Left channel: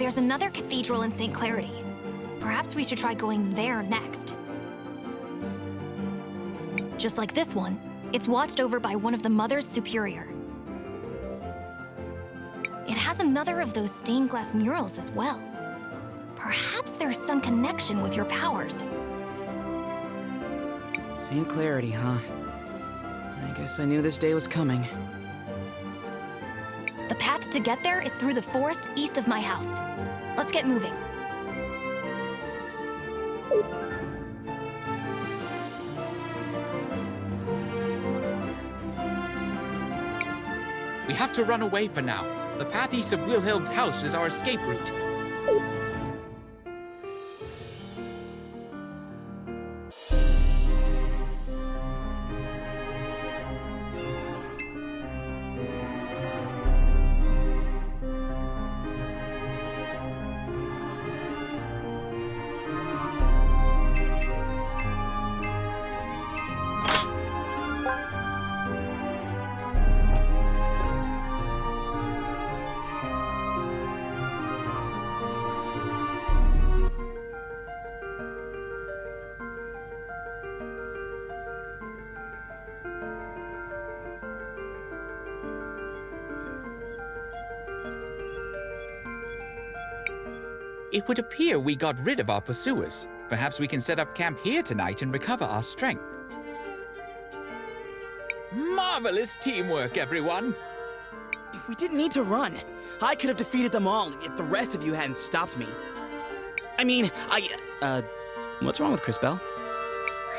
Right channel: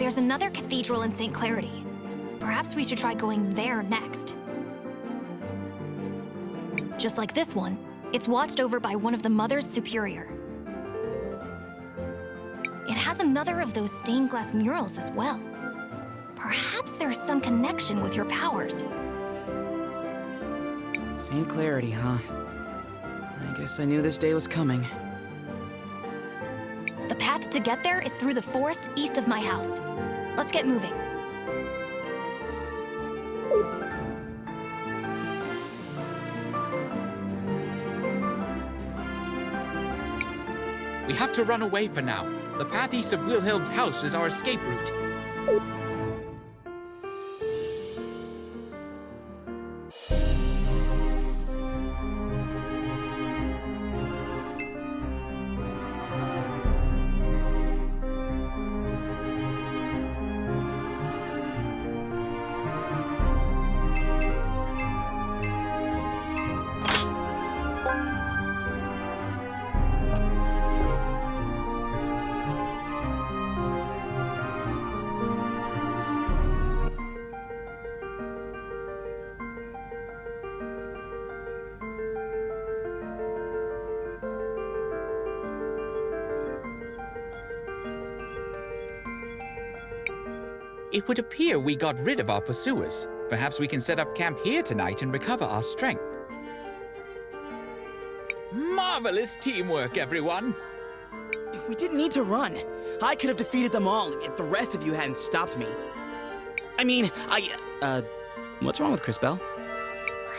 There's another cathedral in St. Clarity. Perhaps we should try going there next. Just like this one, it's watched over by one of the Mothers Superior. It has another of those stained glass murals as well. Perhaps there's some connection with your powers. St. Clarity, huh? I guess I knew this day was coming. The path to get there is through the forest east of my house. Let's get moving. We have to run away for now. The path east of Wilhelm's house is our escape route. It would appear we got rid of our pursuers. Perhaps we can set up camp here tonight and recover our strength. Marvelous teamwork, everyone! We didn't need to run. I could have defeated them all if the rest of you hadn't stopped me. I mean, what's wrong with Cris Tale?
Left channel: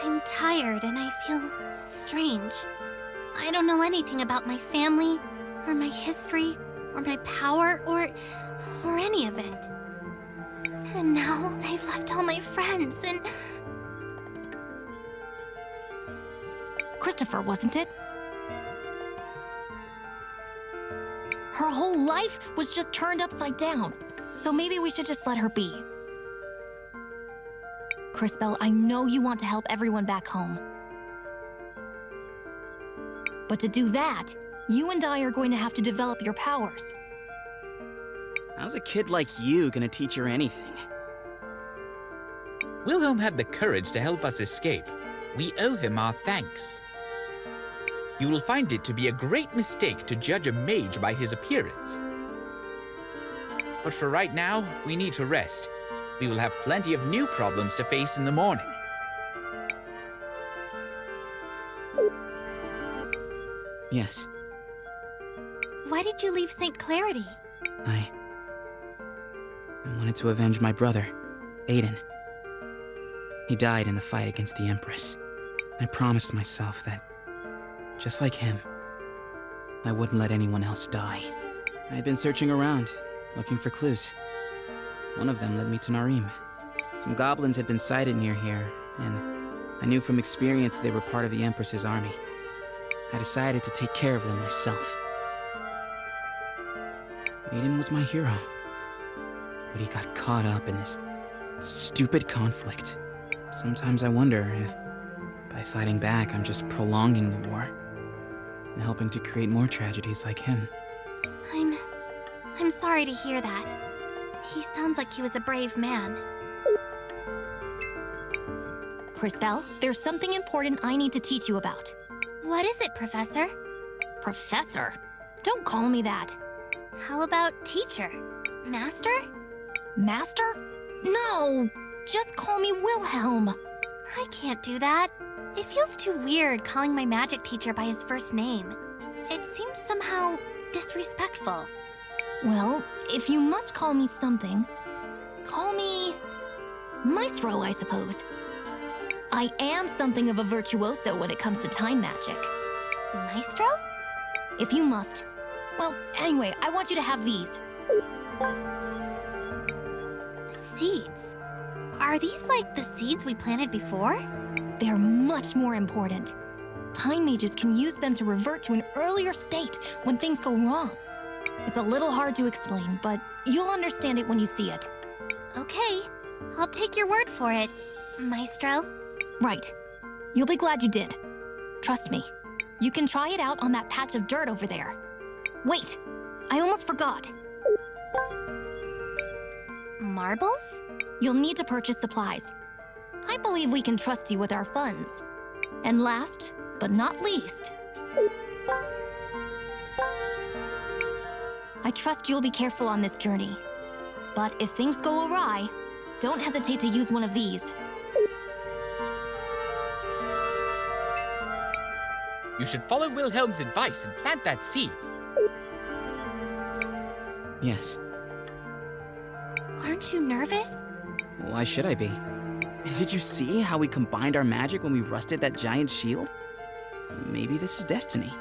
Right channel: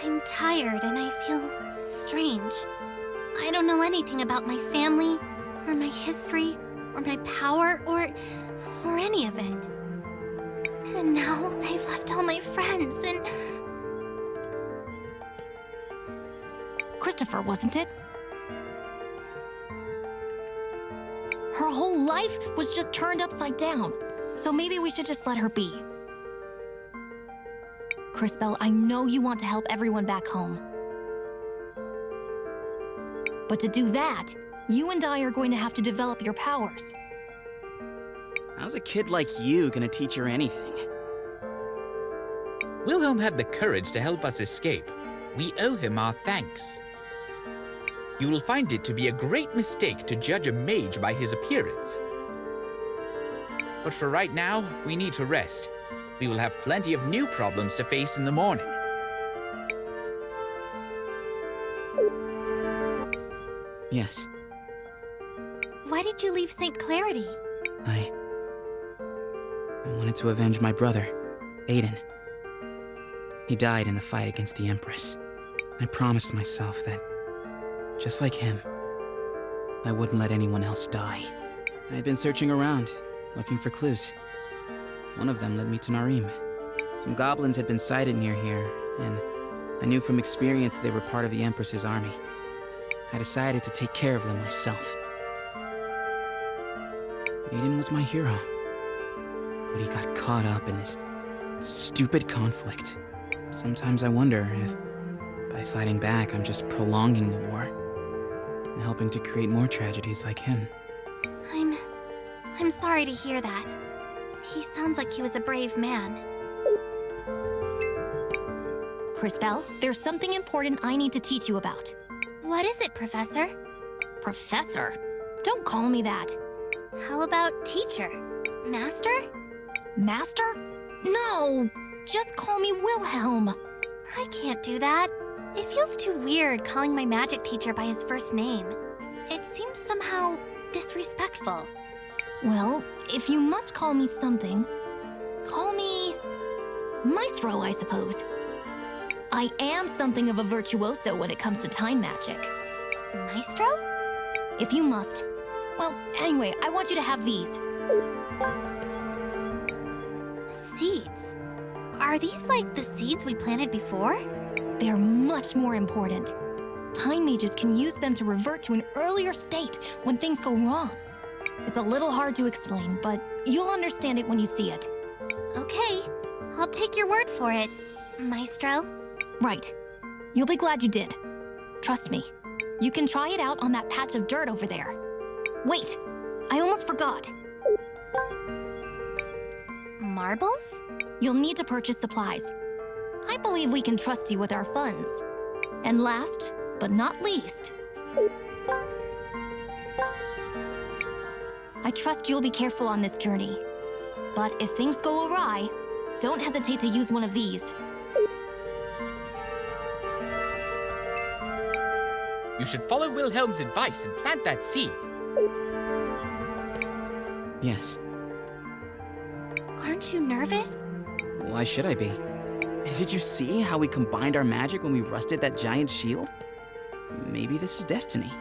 I'm tired and I feel strange. I don't know anything about my family, or my history, or my power, or any of it. And now I've left all my friends and... Christopher, wasn't it? Her whole life was just turned upside down, so maybe we should just let her be. Cris Tale, I know you want to help everyone back home. But to do that, you and I are going to have to develop your powers. How's a kid like you gonna teach her anything? Wilhelm had the courage to help us escape. We owe him our thanks. You will find it to be a great mistake to judge a mage by his appearance. But for right now, we need to rest. We will have plenty of new problems to face in the morning. Yes. Why did you leave St. Clarity? I wanted to avenge my brother, Aiden. He died in the fight against the Empress. I promised myself that, just like him, I wouldn't let anyone else die. I had been searching around, looking for clues. One of them led me to Narim. Some goblins had been sighted near here, and I knew from experience they were part of the Empress's army. I decided to take care of them myself. Aiden was my hero, but he got caught up in this stupid conflict. Sometimes I wonder if, by fighting back, I'm just prolonging the war and helping to create more tragedies like him. I'm sorry to hear that. He sounds like he was a brave man. Cris Tale, there's something important I need to teach you about. What is it, Professor? Professor? Don't call me that. How about teacher? Master? Master? No! Just call me Wilhelm. I can't do that. It feels too weird calling my magic teacher by his first name. It seems somehow disrespectful. Well, if you must call me something, call me Maestro, I suppose. I am something of a virtuoso when it comes to time magic. Maestro? If you must. Well, anyway, I want you to have these. Seeds? Are these like the seeds we planted before? They're much more important. Time mages can use them to revert to an earlier state when things go wrong. It's a little hard to explain, but you'll understand it when you see it. Okay, I'll take your word for it, Maestro. Right. You'll be glad you did. Trust me. You can try it out on that patch of dirt over there. Wait! I almost forgot. Marbles? You'll need to purchase supplies. I believe we can trust you with our funds. And last, but not least, I trust you'll be careful on this journey. But if things go awry, don't hesitate to use one of these. You should follow Wilhelm's advice and plant that seed. Yes. Aren't you nervous? Why should I be? And did you see how we combined our magic when we rusted that giant shield? Maybe this is destiny.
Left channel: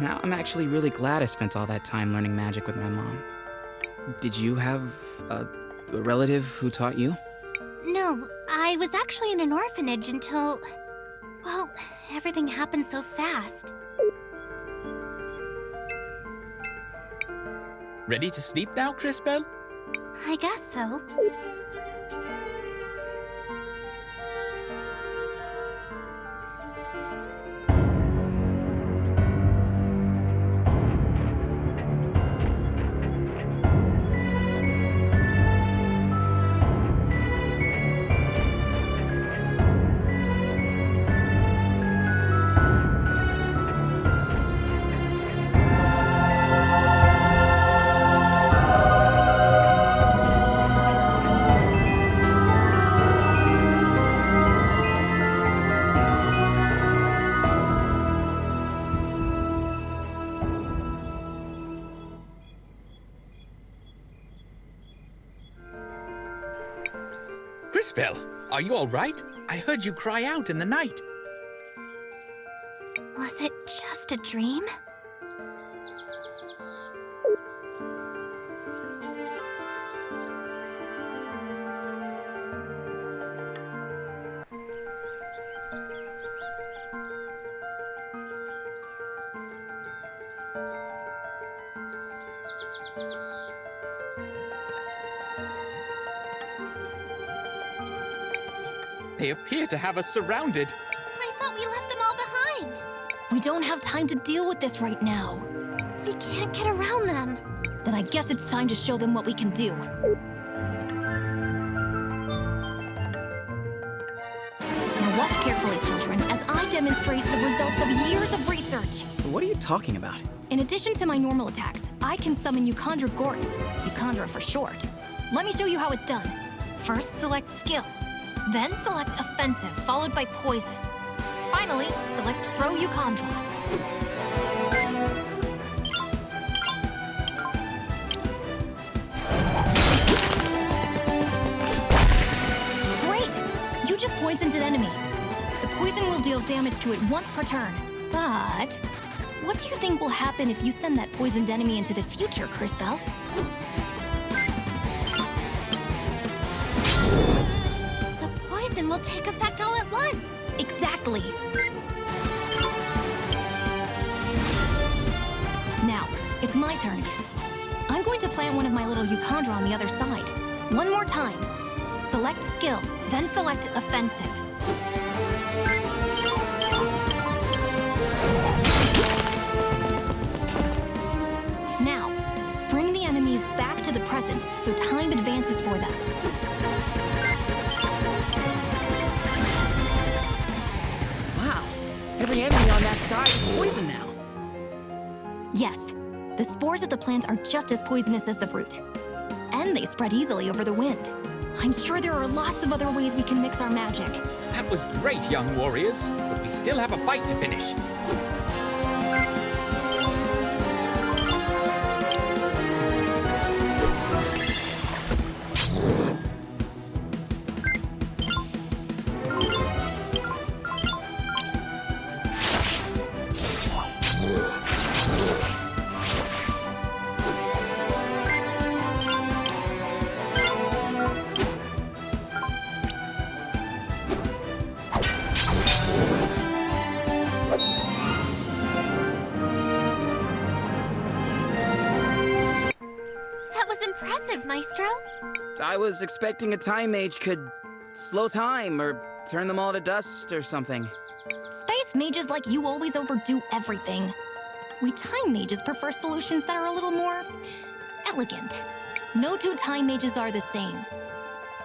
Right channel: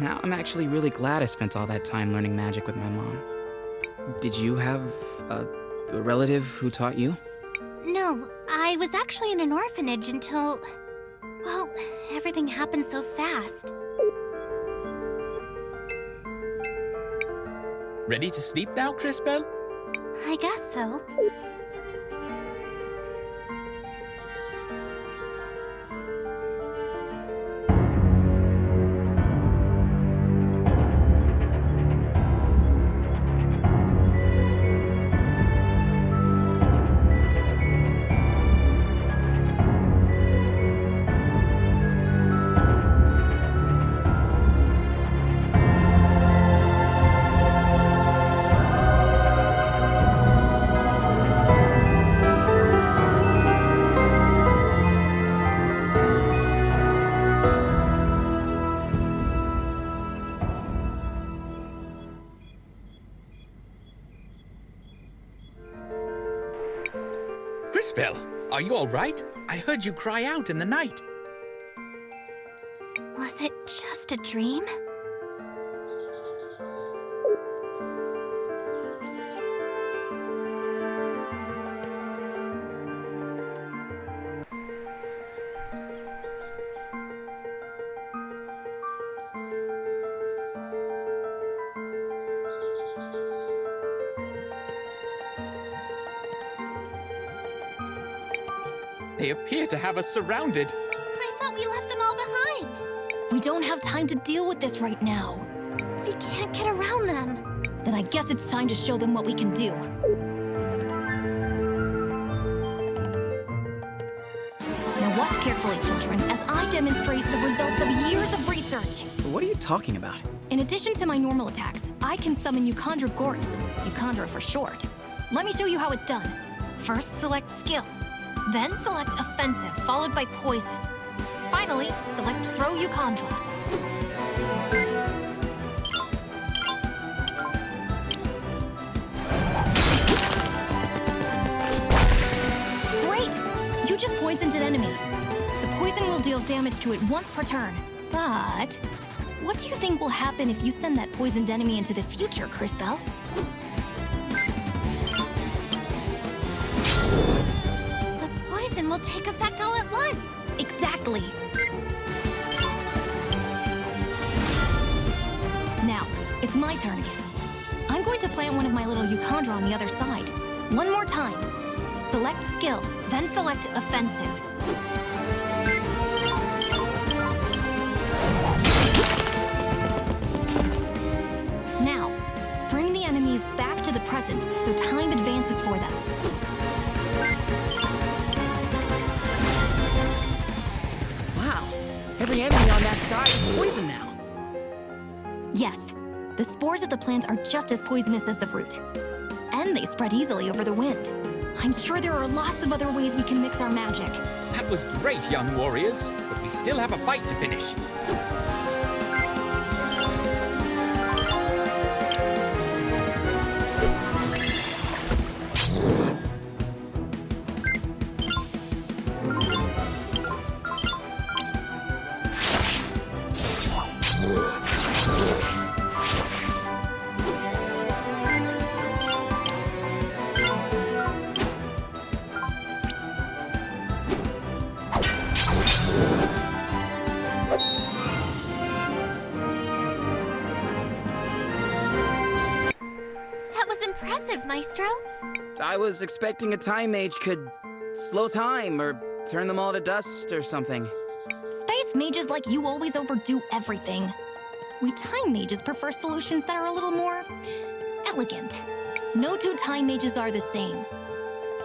Now I'm actually really glad I spent all that time learning magic with my mom. Did you have a relative who taught you? No, I was actually in an orphanage until... Well, everything happened so fast. Ready to sleep now, Cris Tale? I guess so. Cris Tale, are you all right? I heard you cry out in the night. Was it just a dream? They appear to have us surrounded. I thought we left them all behind. We don't have time to deal with this right now. We can't get around them. Then I guess it's time to show them what we can do. Now watch carefully, children, as I demonstrate the results of years of research. What are you talking about? In addition to my normal attacks, I can summon Euchandra Goris, Euchandra for short. Let me show you how it's done. First, select Skill. Then select Offensive, followed by Poison. Finally, select Throw Euchandra. Great! You just poisoned an enemy. The poison will deal damage to it once per turn. But what do you think will happen if you send that poisoned enemy into the future, Cris Tale? The poison will take effect all at once. Exactly. Now, it's my turn again. I'm going to plant one of my little Euchandra on the other side. One more time. Select Skill. Then select Offensive. Now, bring the enemies back to the present so time advances for them. Wow, every enemy on that side is poison now. Yes, the spores of the plant are just as poisonous as the fruit. And they spread easily over the wind. I'm sure there are lots of other ways we can mix our magic. That was great, young warriors, but we still have a fight to finish. That was impressive, Maestro. I was expecting a time mage could slow time or turn them all to dust or something. Space mages like you always overdo everything. We time mages prefer solutions that are a little more elegant. No two time mages are the same.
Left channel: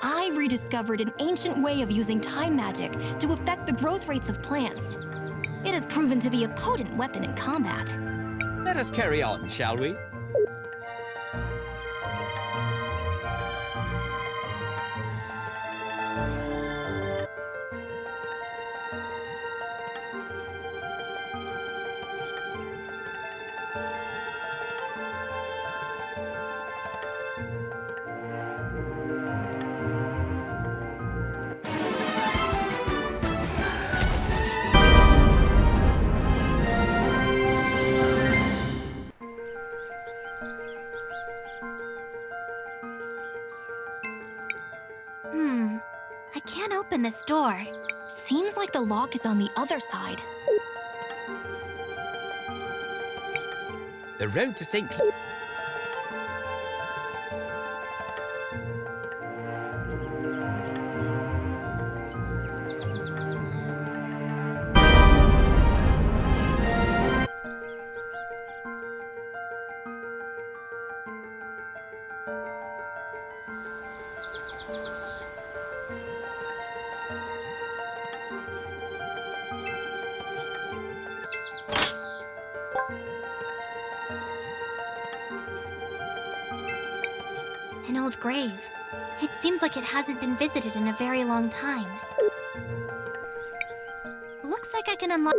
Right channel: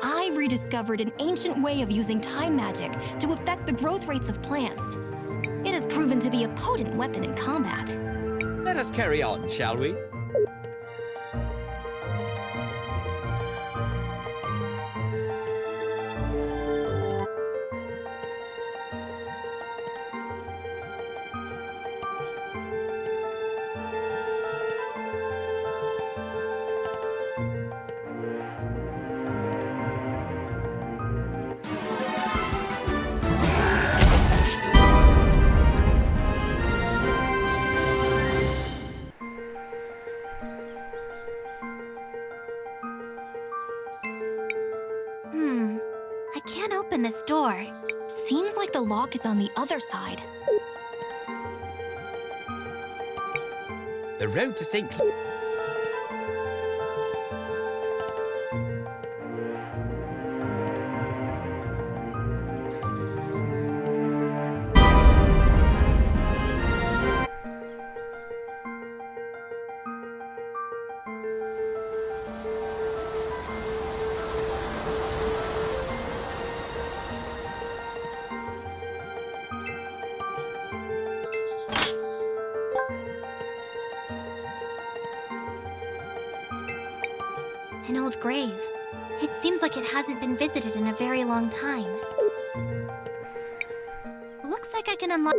I rediscovered an ancient way of using time magic to affect the growth rates of plants. It has proven to be a potent weapon in combat. Let us carry on, shall we? I can't open this door. Seems like the lock is on the other side. The road to St. Cl- An old grave. It seems like it hasn't been visited in a very long time. Looks like I can unlock...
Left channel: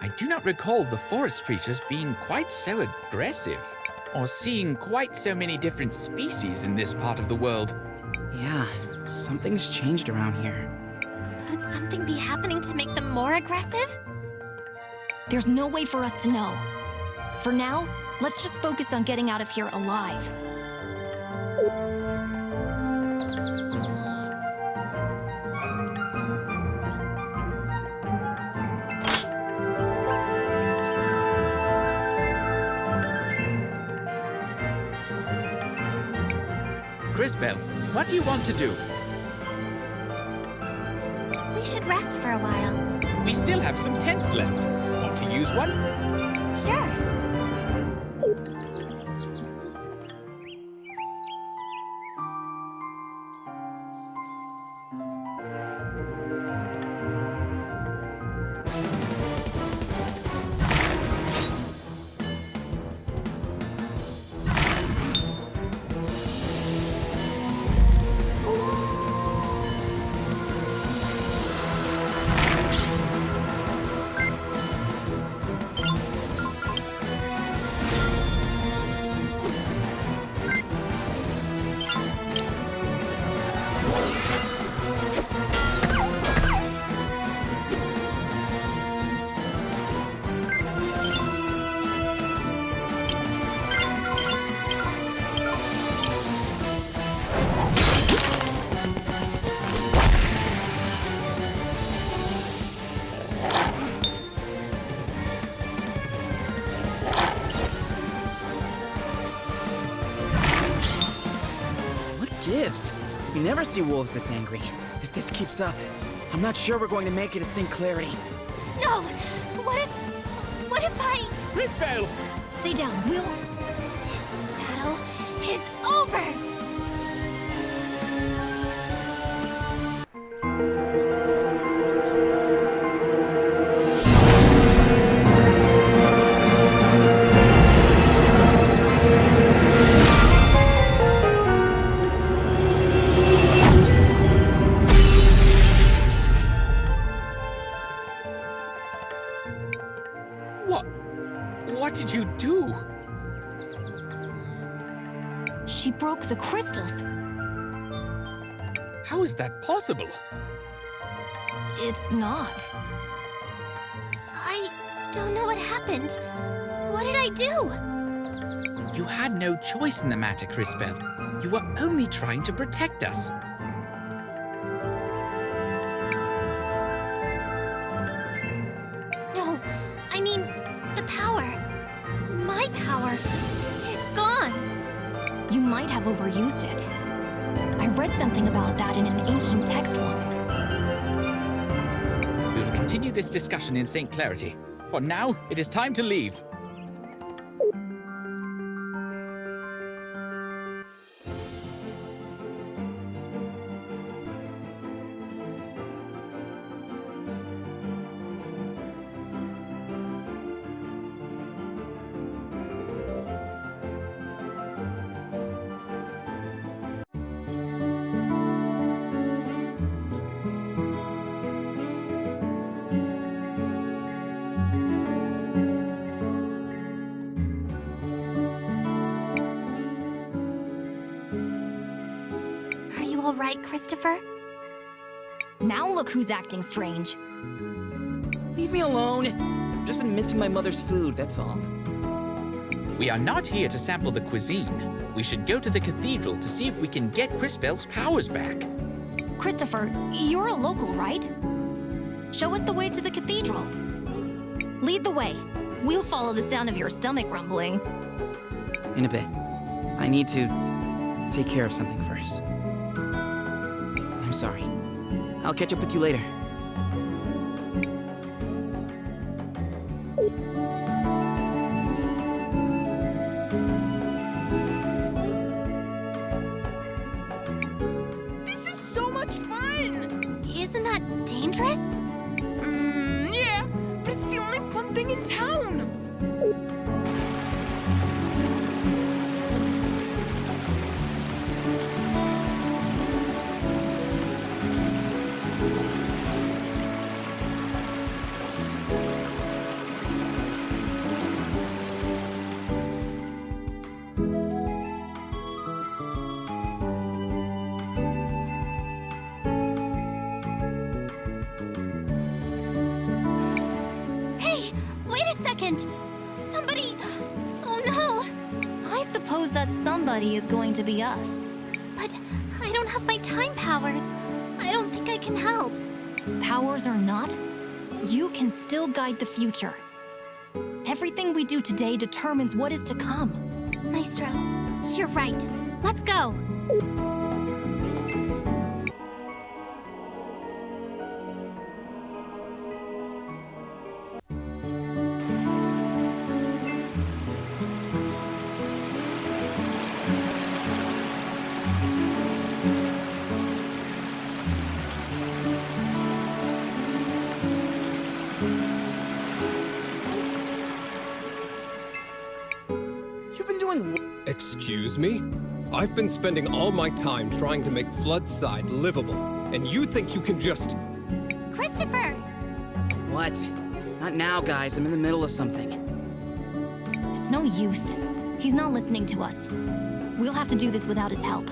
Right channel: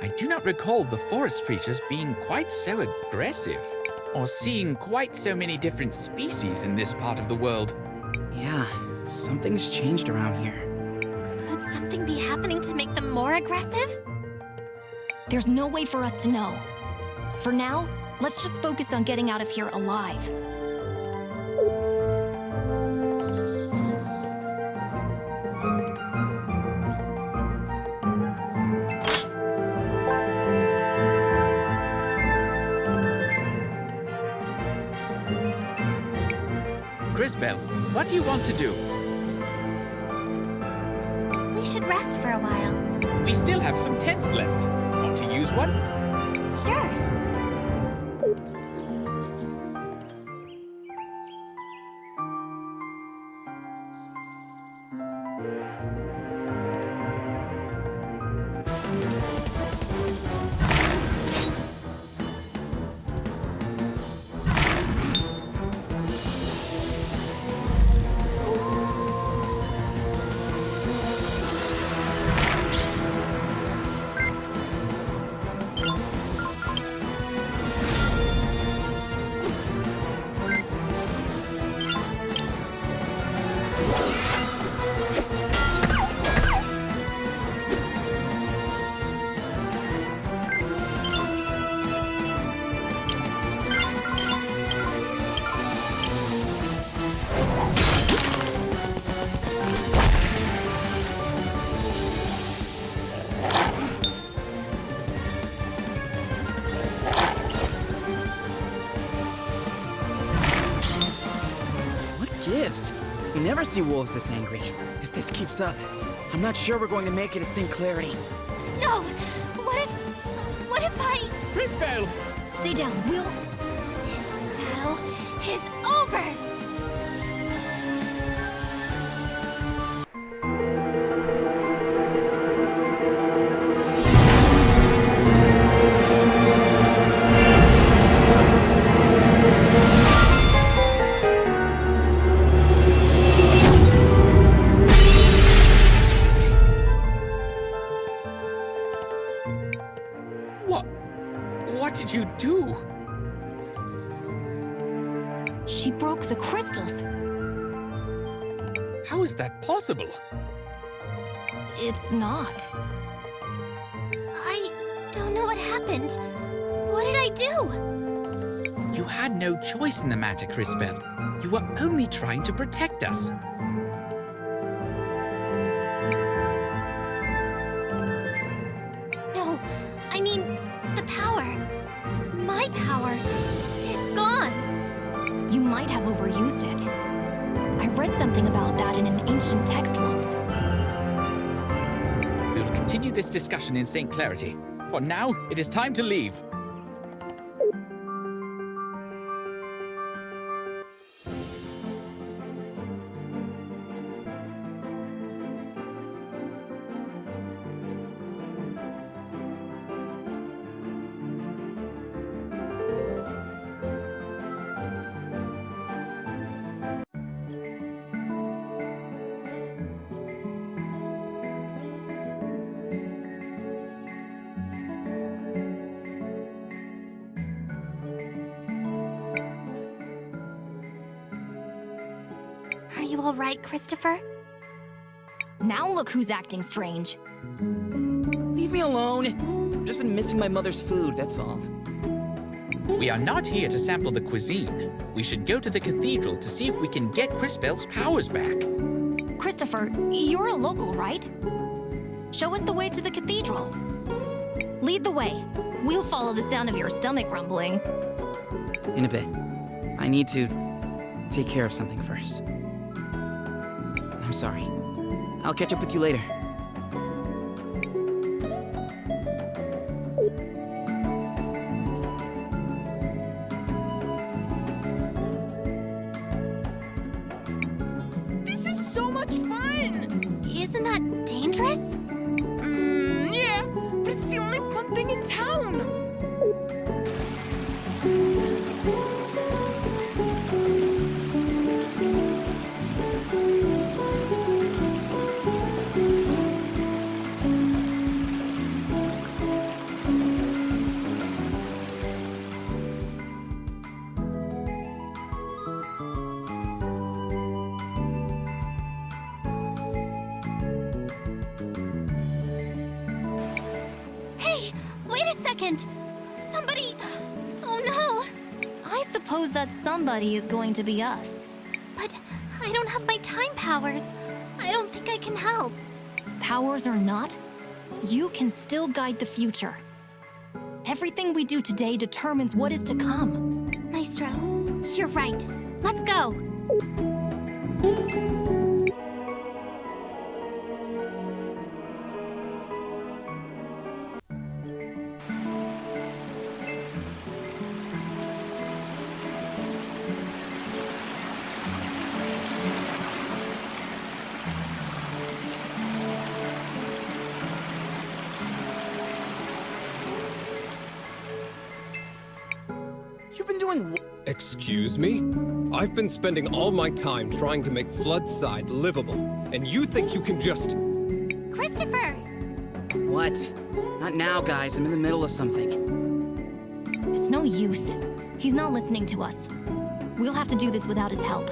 I do not recall the forest creatures being quite so aggressive, or seeing quite so many different species in this part of the world. Yeah, something's changed around here. Could something be happening to make them more aggressive? There's no way for us to know. For now, let's just focus on getting out of here alive. Cris Tale, what do you want to do? We should rest for a while. We still have some tents left. Want to use one? Sure. Gives. You never see wolves this angry. If this keeps up, I'm not sure we're going to make it to St. Clarity. No! What if I... Cris Tale! Stay down, Will. This battle is over! do? She broke the crystals. How is that possible? It's not. I don't know what happened. What did I do? You had no choice in the matter, Cris Tale. You were only trying to protect us. No, I mean, the power. My power. It's gone. You might have overused it. I read something about that in an ancient text once. We will continue this discussion in St. Clarity. For now, it is time to leave. Are you all right, Christopher? Now look who's acting strange. Leave me alone. Just been missing my mother's food, that's all. We are not here to sample the cuisine. We should go to the cathedral to see if we can get Cris Tale's powers back. Christopher, you're a local, right? Show us the way to the cathedral. Lead the way. We'll follow the sound of your stomach rumbling. In a bit. I need to take care of something first. I'm sorry. I'll catch up with you later. This is so much fun! Isn't that dangerous? Yeah, but it's the only fun thing in town! Hey, wait a second! Somebody... Oh no! I suppose that somebody is going to be us. But I don't have my time powers. I don't think I can help. Powers or not, you can still guide the future. Everything we do today determines what is to come. Maestro, you're right. Let's go! You've been doing Excuse me? I've been spending all my time trying to make Floodside livable, and you think you can just... Christopher! what? Not now, guys. I'm in the middle of something. It's no use. He's not listening to us. We'll have to do this without his help.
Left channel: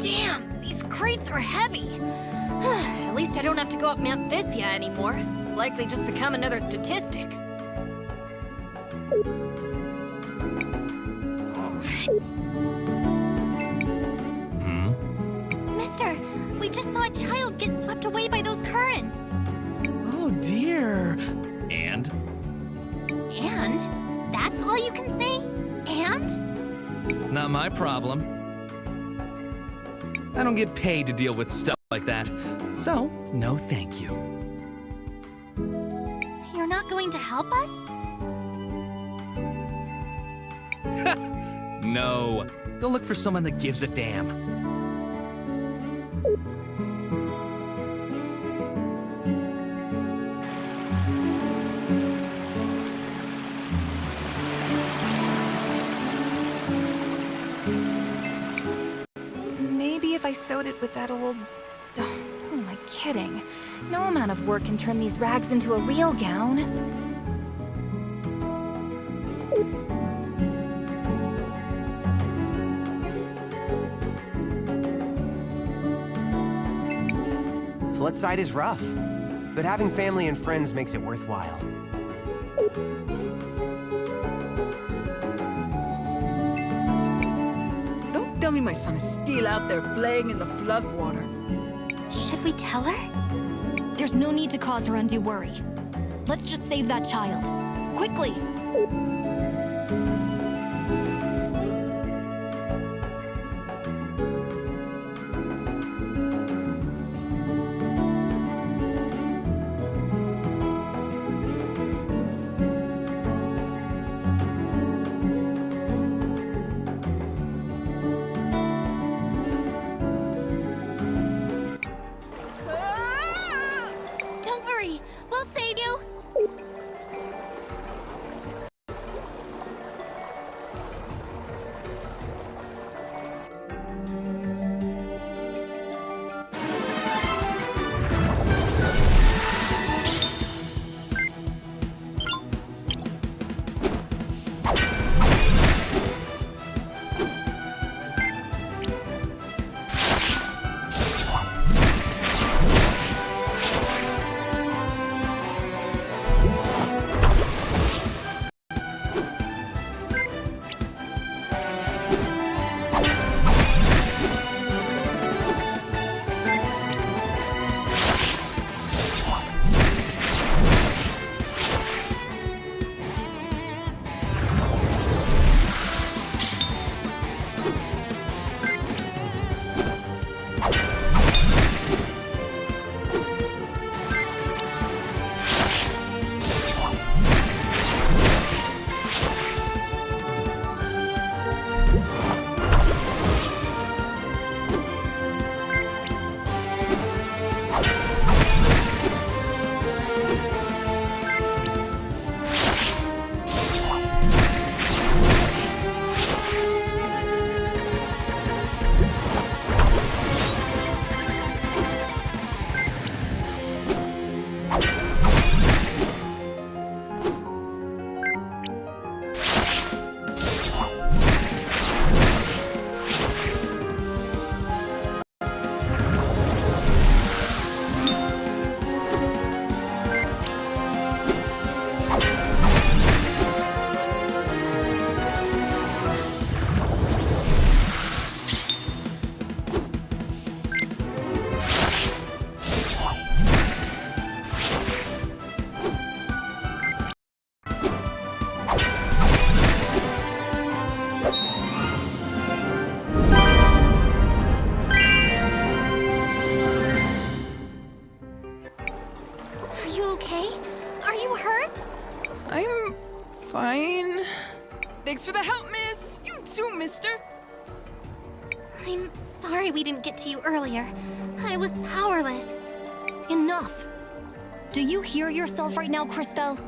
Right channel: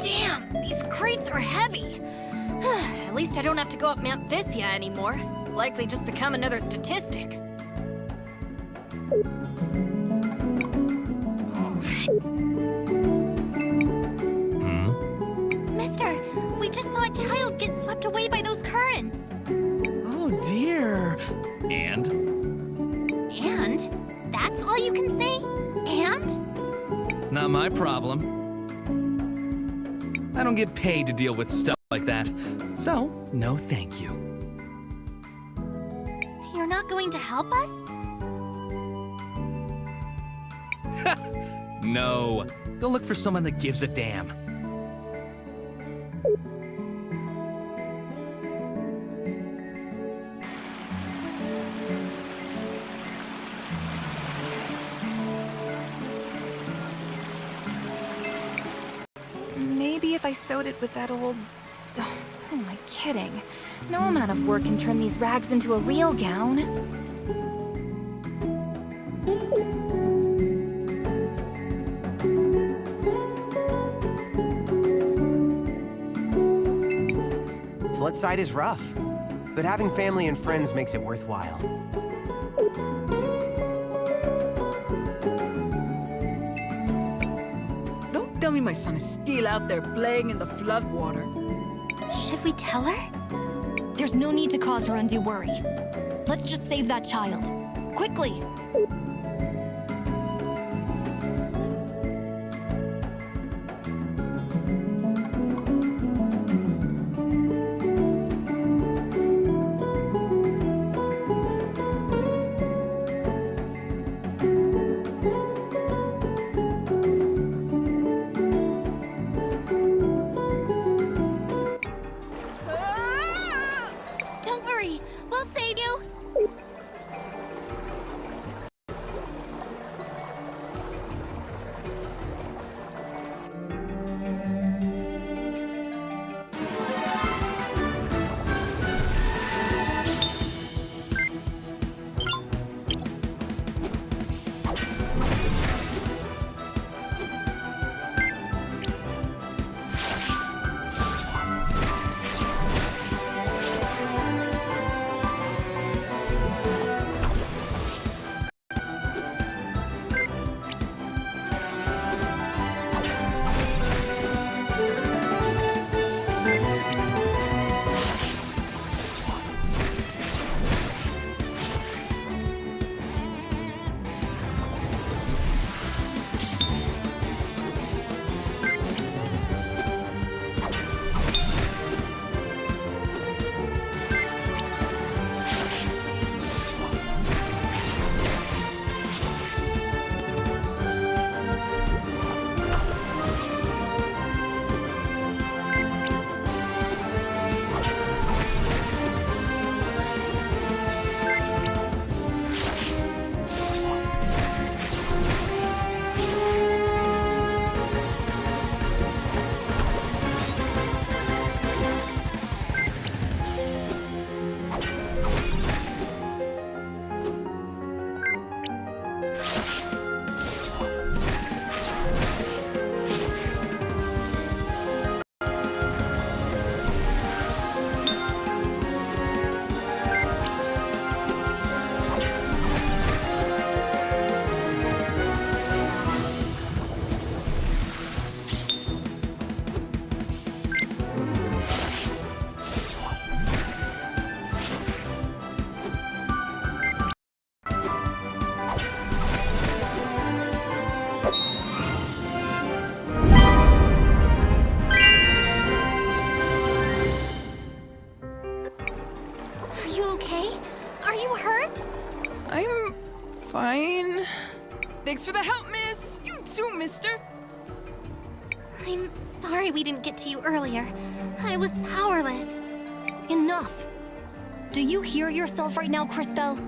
Damn, these crates are heavy. At least I don't have to go up Mount Thysia anymore. Likely just become another statistic. Mister, we just saw a child get swept away by those currents. Oh dear. And? And? That's all you can say? And? Not my problem. I don't get paid to deal with stuff like that. So, no thank you. You're not going to help us? No. Go look for someone that gives a damn. I sewed it with that old... Oh, who am I kidding? No amount of work can turn these rags into a real gown. Floodside is rough, but having family and friends makes it worthwhile. Don't tell me my son is still out there playing in the floodwater. Should we tell her? There's no need to cause her undue worry. Let's just save that child. Quickly! Don't worry, we'll save you. I'm fine. Thanks for the help, miss. You too, mister. I'm sorry we didn't get to you earlier. I was powerless. Enough! Do you hear yourself right now, Cris Tale?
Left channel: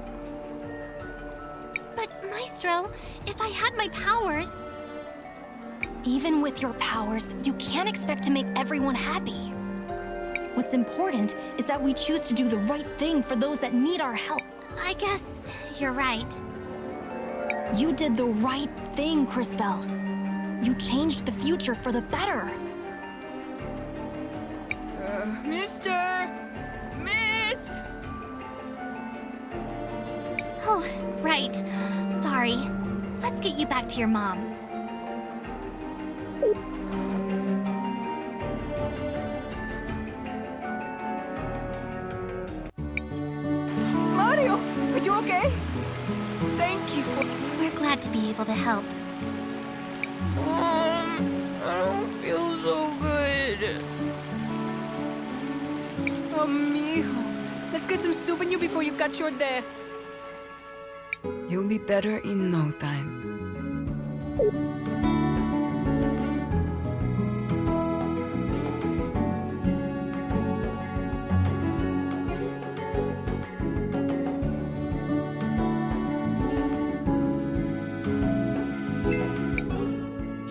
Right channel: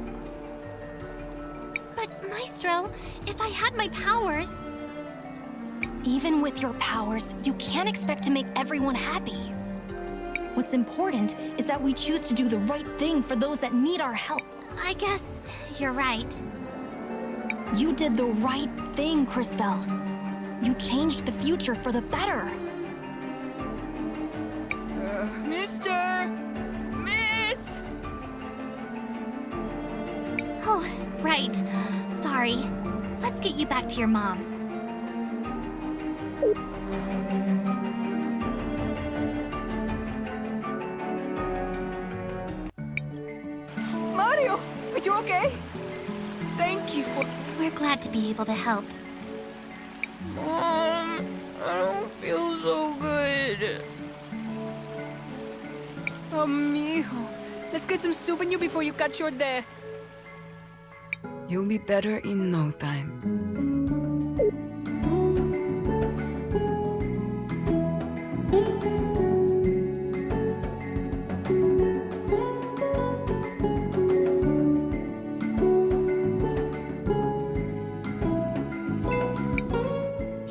But, Maestro, if I had my powers... Even with your powers, you can't expect to make everyone happy. What's important is that we choose to do the right thing for those that need our help. I guess you're right. You did the right thing, Cris Tale. You changed the future for the better. Mister! Miss! Oh, right. Sorry. Let's get you back to your mom. Mario! Are you okay? Thank you for... We're glad to be able to help. I don't feel so good. Amigo, let's get some soup in you before you cut your day. You'll be better in no time.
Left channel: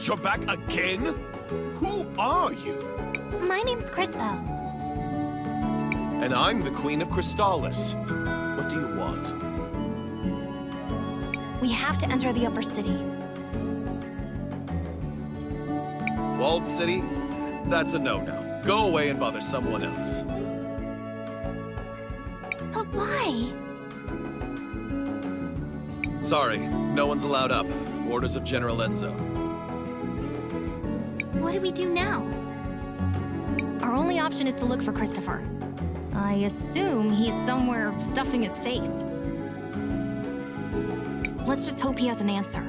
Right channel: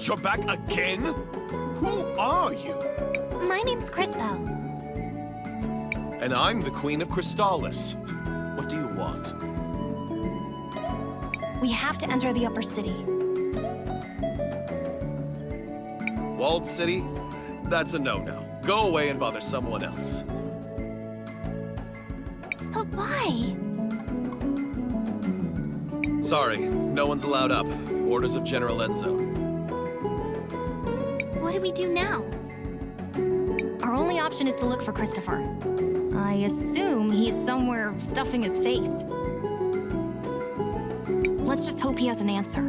You're back again? Who are you? My name's Cris Tale. And I'm the Queen of Crystalis. What do you want? We have to enter the upper city. Walled City? That's a no-no. Go away and bother someone else. But why? Sorry, no one's allowed up. Orders of General Enzo. What do we do now? Our only option is to look for Christopher. I assume he's somewhere stuffing his face. Let's just hope he has an answer.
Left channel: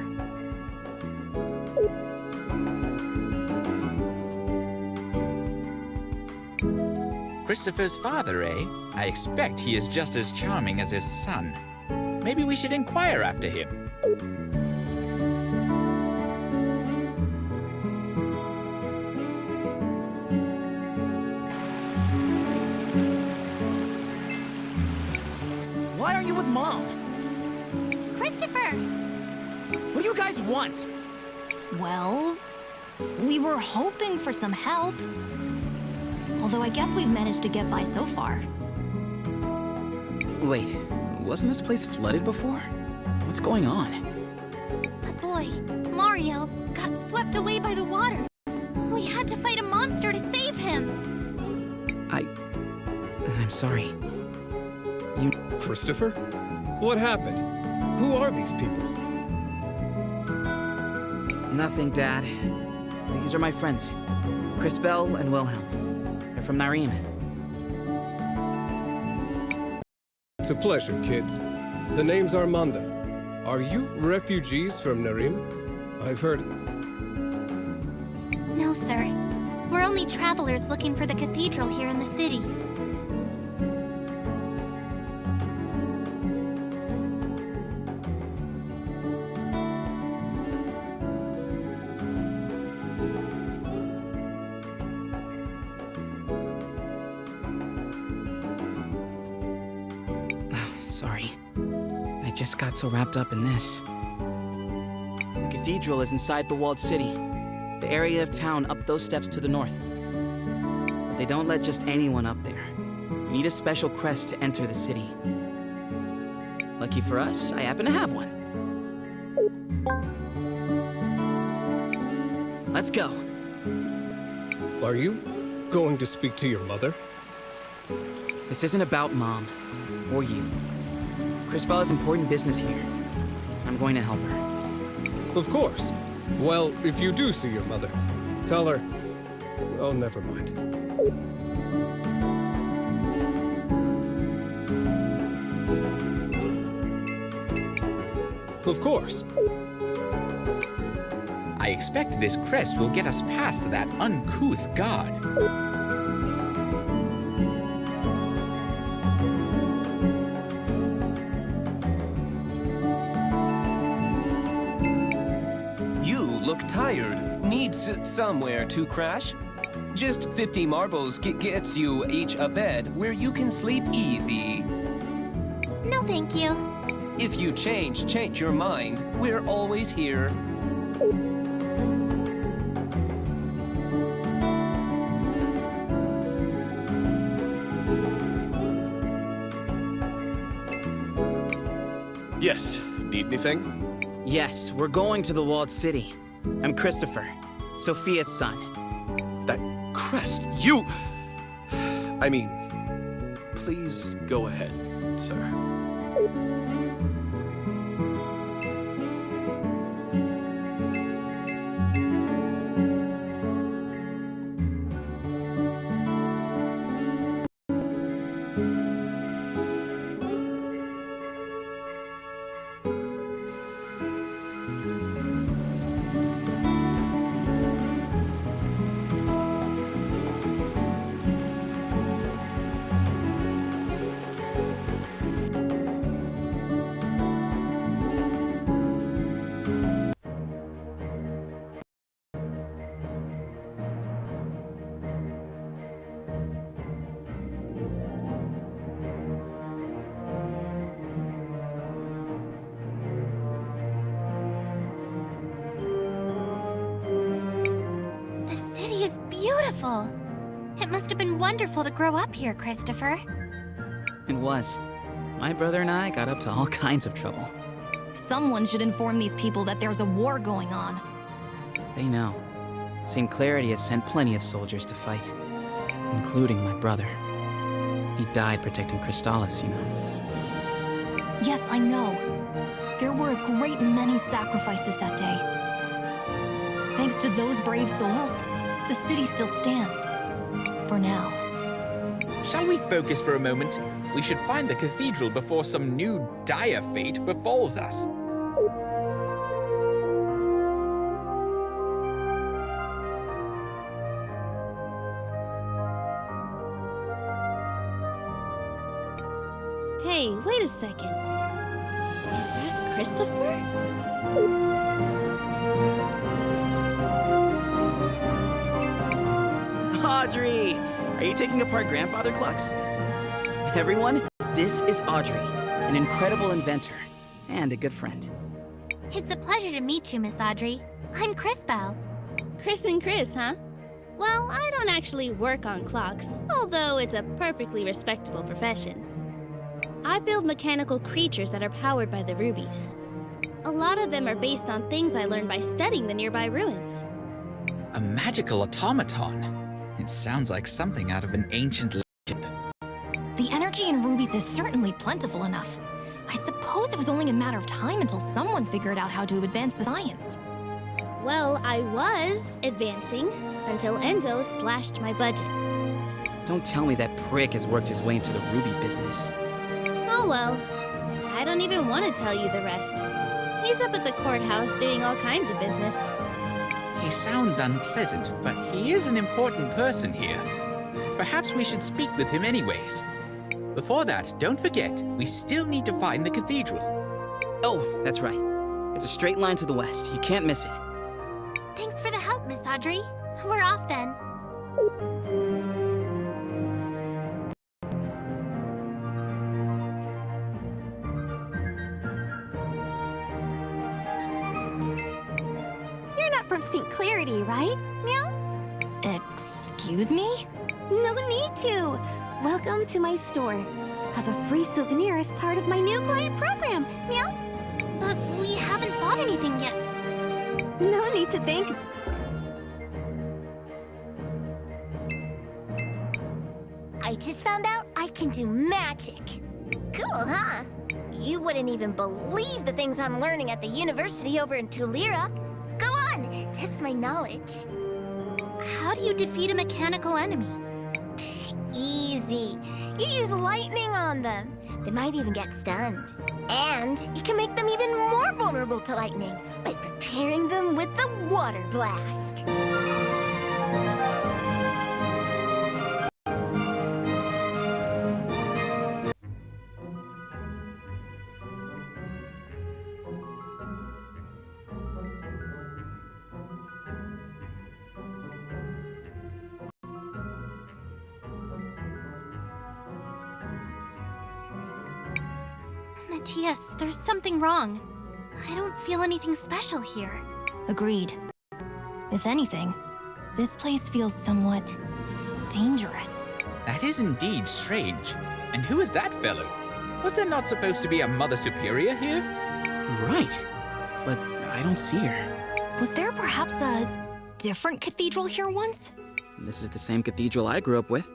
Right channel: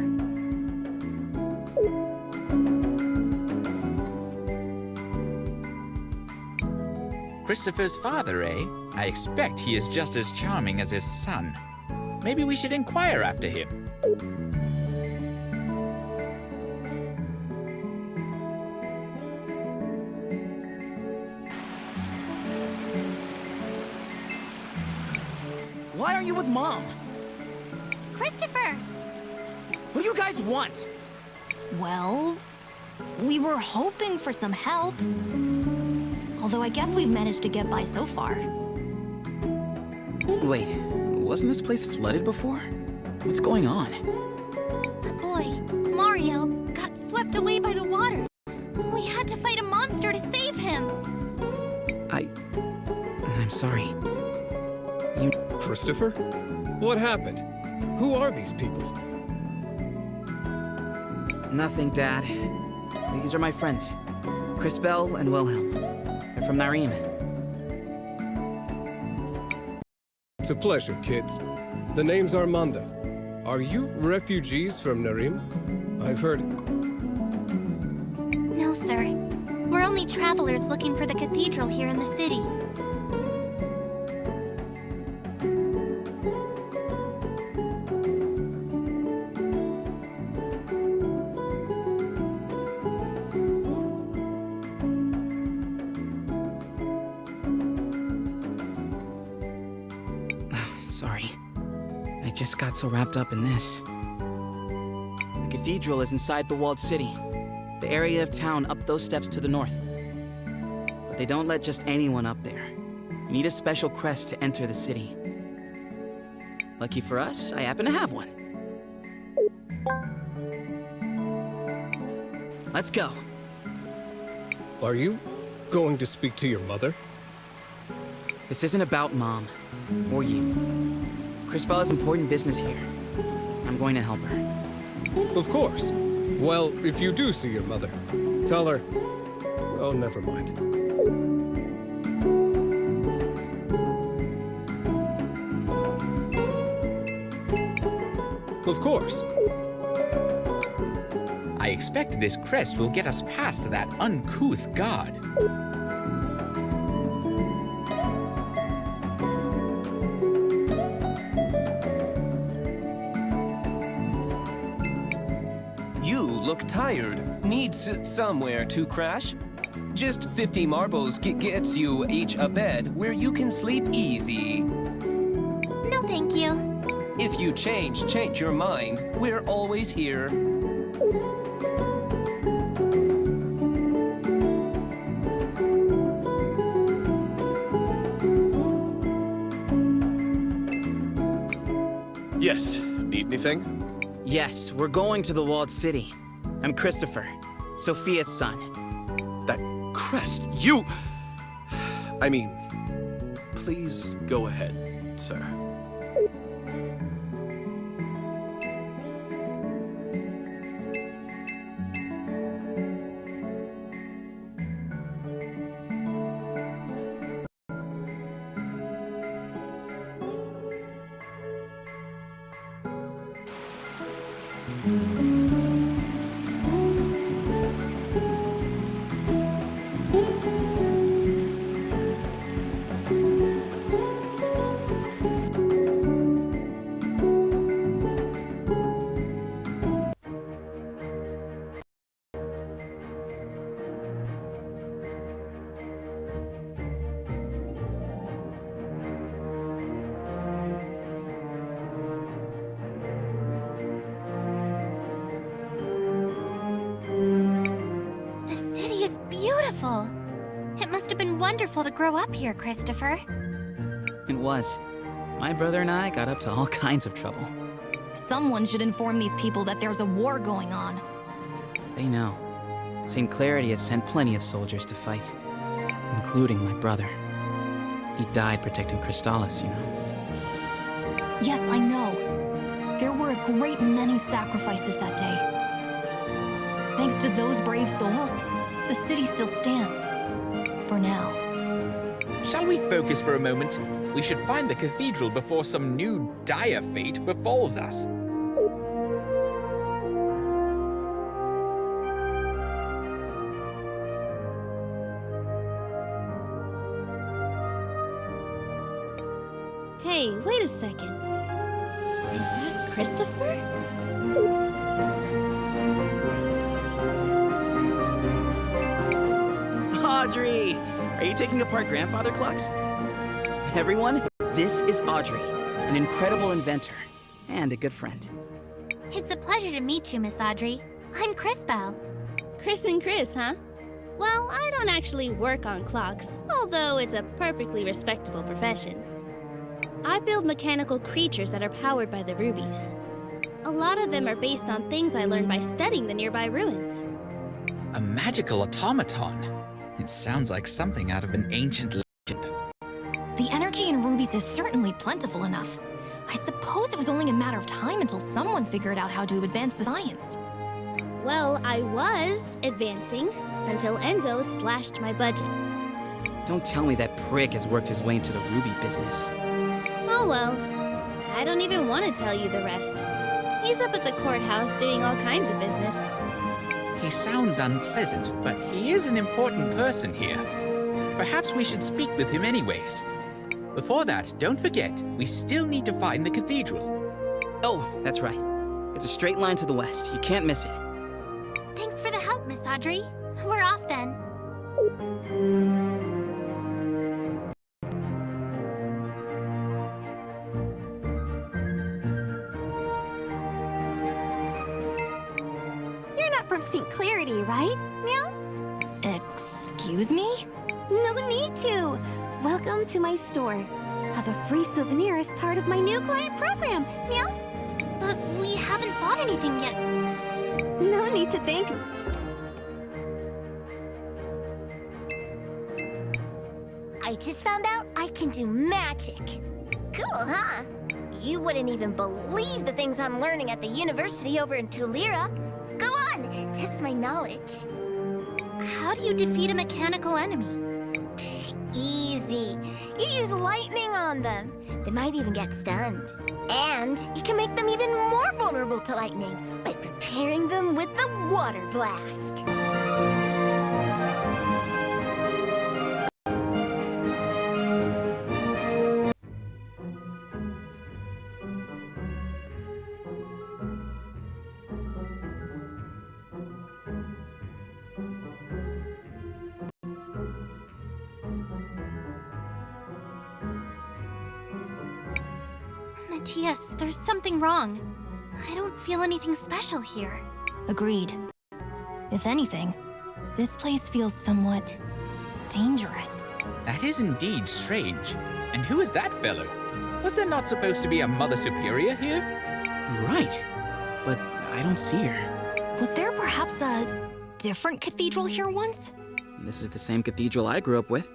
Christopher's father, eh? I expect he is just as charming as his son. Maybe we should inquire after him. Why are you with Mom? Christopher! What do you guys want? Well, we were hoping for some help. Although I guess we've managed to get by so far. Wait, wasn't this place flooded before? What's going on? A boy, Mario, got swept away by the water. We had to fight a monster to save him. I'm sorry. Christopher? What happened? Who are these people? Nothing, Dad. These are my friends, Cris Bell and Wilhelm. They're from Narim. It's a pleasure, kids. The name's Armando. Are you refugees from Narim? I've heard... No, sir. We're only travelers looking for the cathedral here in the city. Sorry. I just got so wrapped up in this. The cathedral is inside the walled city. The area of town up those steps to the north. But they don't let just anyone up there. You need a special crest to enter the city. Lucky for us, I happen to have one. Let's go. Are you going to speak to your mother? This isn't about Mom, or you. Cris Bell has important business here. I'm going to help her. Of course. Well, if you do see your mother, tell her... Oh, never mind. Of course. I expect this crest will get us past that uncouth guard. You look tired. Needs somewhere to crash? Just 50 marbles gets you each a bed where you can sleep easy. No, thank you. If you change your mind, we're always here. Yes, need anything? Yes, we're going to the walled city. I'm Christopher, Sophia's son. That crest, you... I mean, please go ahead, sir. been wonderful to grow up here, Christopher. It was. My brother and I got up to all kinds of trouble. Someone should inform these people that there's a war going on. They know. St. Clarity has sent plenty of soldiers to fight, including my brother. He died protecting Crystalis, you know. Yes, I know. There were a great many sacrifices that day. Thanks to those brave souls, the city still stands. For now. Shall we focus for a moment? We should find the cathedral before some new dire fate befalls us. Hey, wait a second. Is that Christopher? Audrey! Are you taking apart grandfather clocks? Everyone, this is Audrey, an incredible inventor and a good friend. It's a pleasure to meet you, Miss Audrey. I'm Cris Tale. Chris and Chris, huh? Well, I don't actually work on clocks, although it's a perfectly respectable profession. I build mechanical creatures that are powered by the rubies. A lot of them are based on things I learned by studying the nearby ruins. A magical automaton. It sounds like something out of an ancient legend. The energy in rubies is certainly plentiful enough. I suppose it was only a matter of time until someone figured out how to advance the science. Well, I was advancing until Enzo slashed my budget. Don't tell me that prick has worked his way into the ruby business. Oh well, I don't even want to tell you the rest. He's up at the courthouse doing all kinds of business. He sounds unpleasant, but he is an important person here. Perhaps we should speak with him anyways. Before that, don't forget, we still need to find the cathedral. Oh, that's right. It's a straight line to the west. You can't miss it. Thanks for the help, Miss Audrey. We're off then. You're not from St. Clarity, right? Meow? Excuse me? No need to. Welcome to my store. Have a free souvenir as part of my new client program. Meow? But we haven't bought anything yet. No need to thank. I just found out I can do magic. Cool, huh? You wouldn't even believe the things I'm learning at the university over in Tulira. Go on, test my knowledge. How do you defeat a mechanical enemy? Psh, easy. You use lightning on them. They might even get stunned. And you can make them even more vulnerable to lightning by preparing them with the water blast. Matthias, there's something wrong. I don't feel anything special here. Agreed. If anything, this place feels somewhat dangerous. That is indeed strange. And who is that fellow? Was there not supposed to be a Mother Superior here? Right. But I don't see her. Was there perhaps a different cathedral here once? This is the same cathedral I grew up with.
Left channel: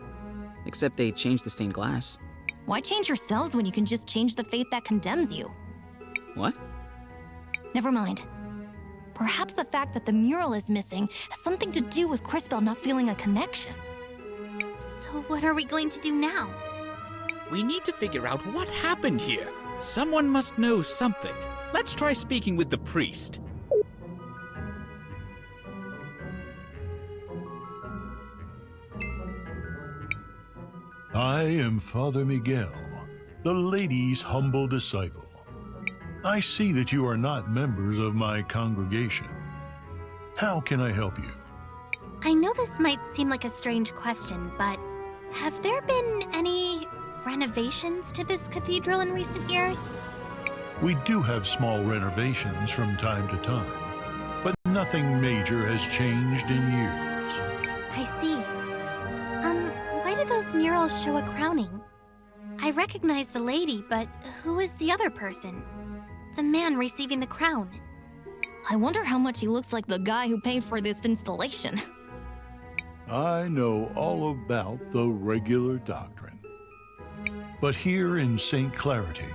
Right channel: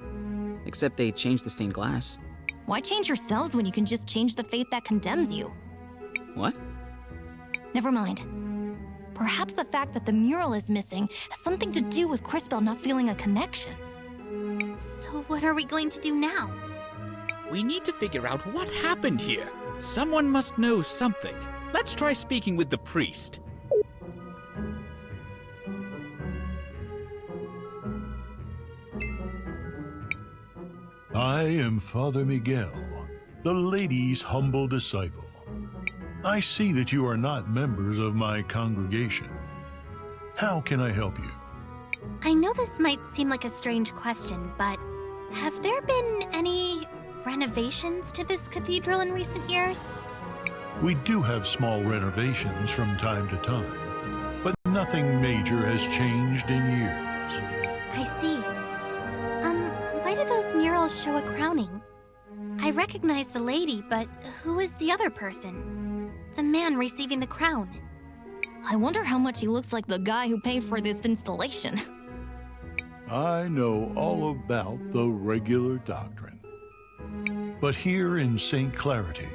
Except they changed the stained glass. Why change yourselves when you can just change the fate that condemns you? What? Never mind. Perhaps the fact that the mural is missing has something to do with Cris Tale not feeling a connection. So what are we going to do now? We need to figure out what happened here. Someone must know something. Let's try speaking with the priest. I am Father Miguel, the lady's humble disciple. I see that you are not members of my congregation. How can I help you? I know this might seem like a strange question, but have there been any renovations to this cathedral in recent years? We do have small renovations from time to time, but nothing major has changed in years. I see. walls show a crowning. I recognize the lady, but who is the other person? The man receiving the crown. I wonder how much he looks like the guy who paid for this installation. I know all about the regular doctrine. But here in St. Clarity,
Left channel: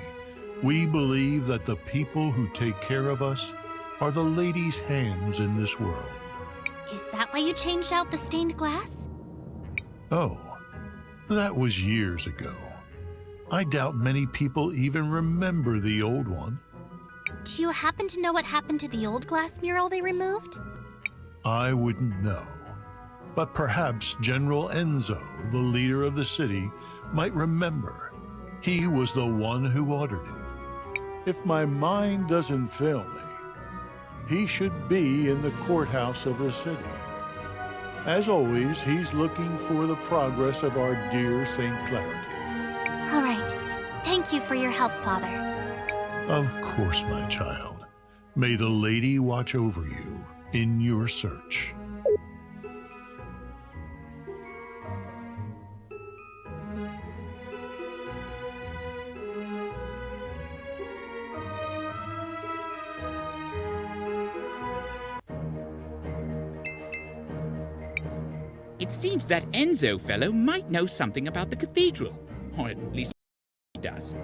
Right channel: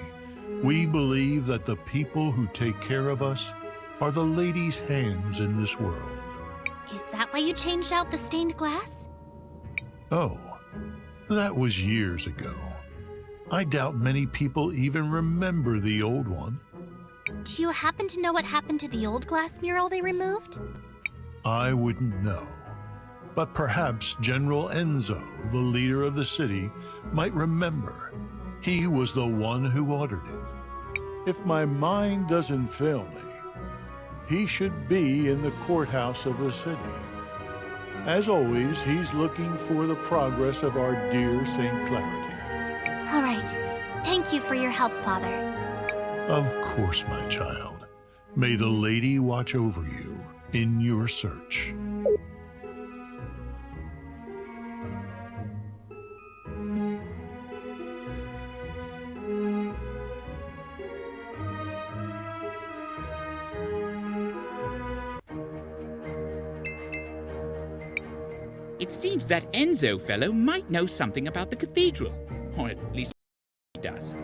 we believe that the people who take care of us are the lady's hands in this world. Is that why you changed out the stained glass? Oh, that was years ago. I doubt many people even remember the old one. Do you happen to know what happened to the old glass mural they removed? I wouldn't know. But perhaps General Enzo, the leader of the city, might remember. He was the one who ordered it. If my mind doesn't fail me, he should be in the courthouse of the city. As always, he's looking for the progress of our dear St. Clarity. All right. Thank you for your help, Father. Of course, my child. May the lady watch over you in your search. It seems that Enzo fellow might know something about the cathedral. Or at least he does.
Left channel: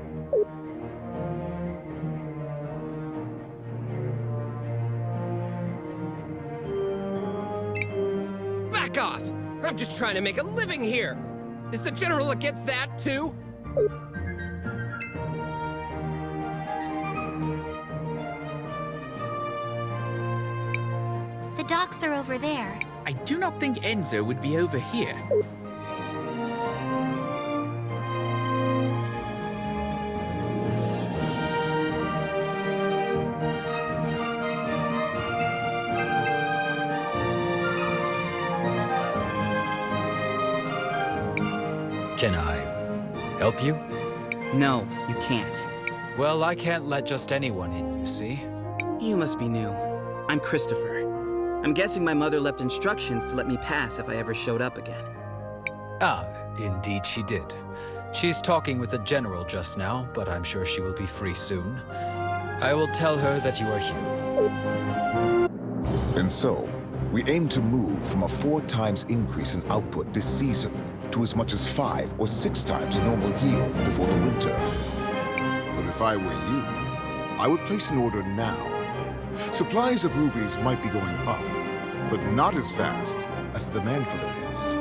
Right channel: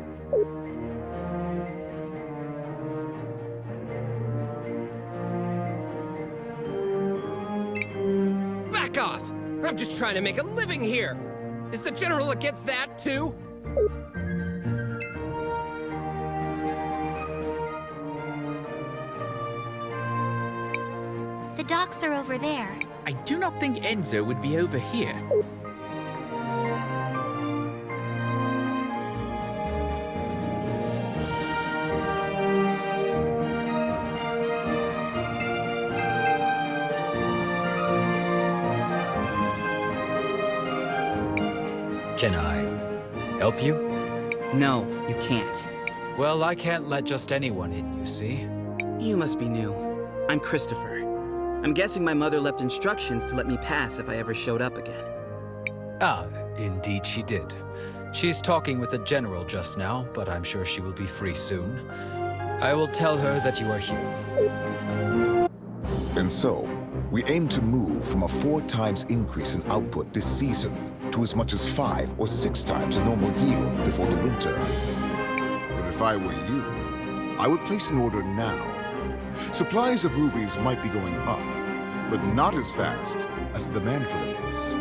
Back off! I'm just trying to make a living here! Is the General against that, too? The docks are over there. I do not think Enzo would be over here. Can I help you? No, you can't. Well, I can't let just anyone in, you see. You must be new. I'm Christopher. I'm guessing my mother left instructions to let me pass if I ever showed up again. Ah, indeed she did. She's talking with the General just now, but I'm sure she will be free soon. I will tell her that you are here. And so, we aim to move from a 4 times increase in output this season to as much as 5 or 6 times the normal yield before the winter. But if I were you, I would place an order now. Supplies of rubies might be going up, but not as fast as the demand for them is.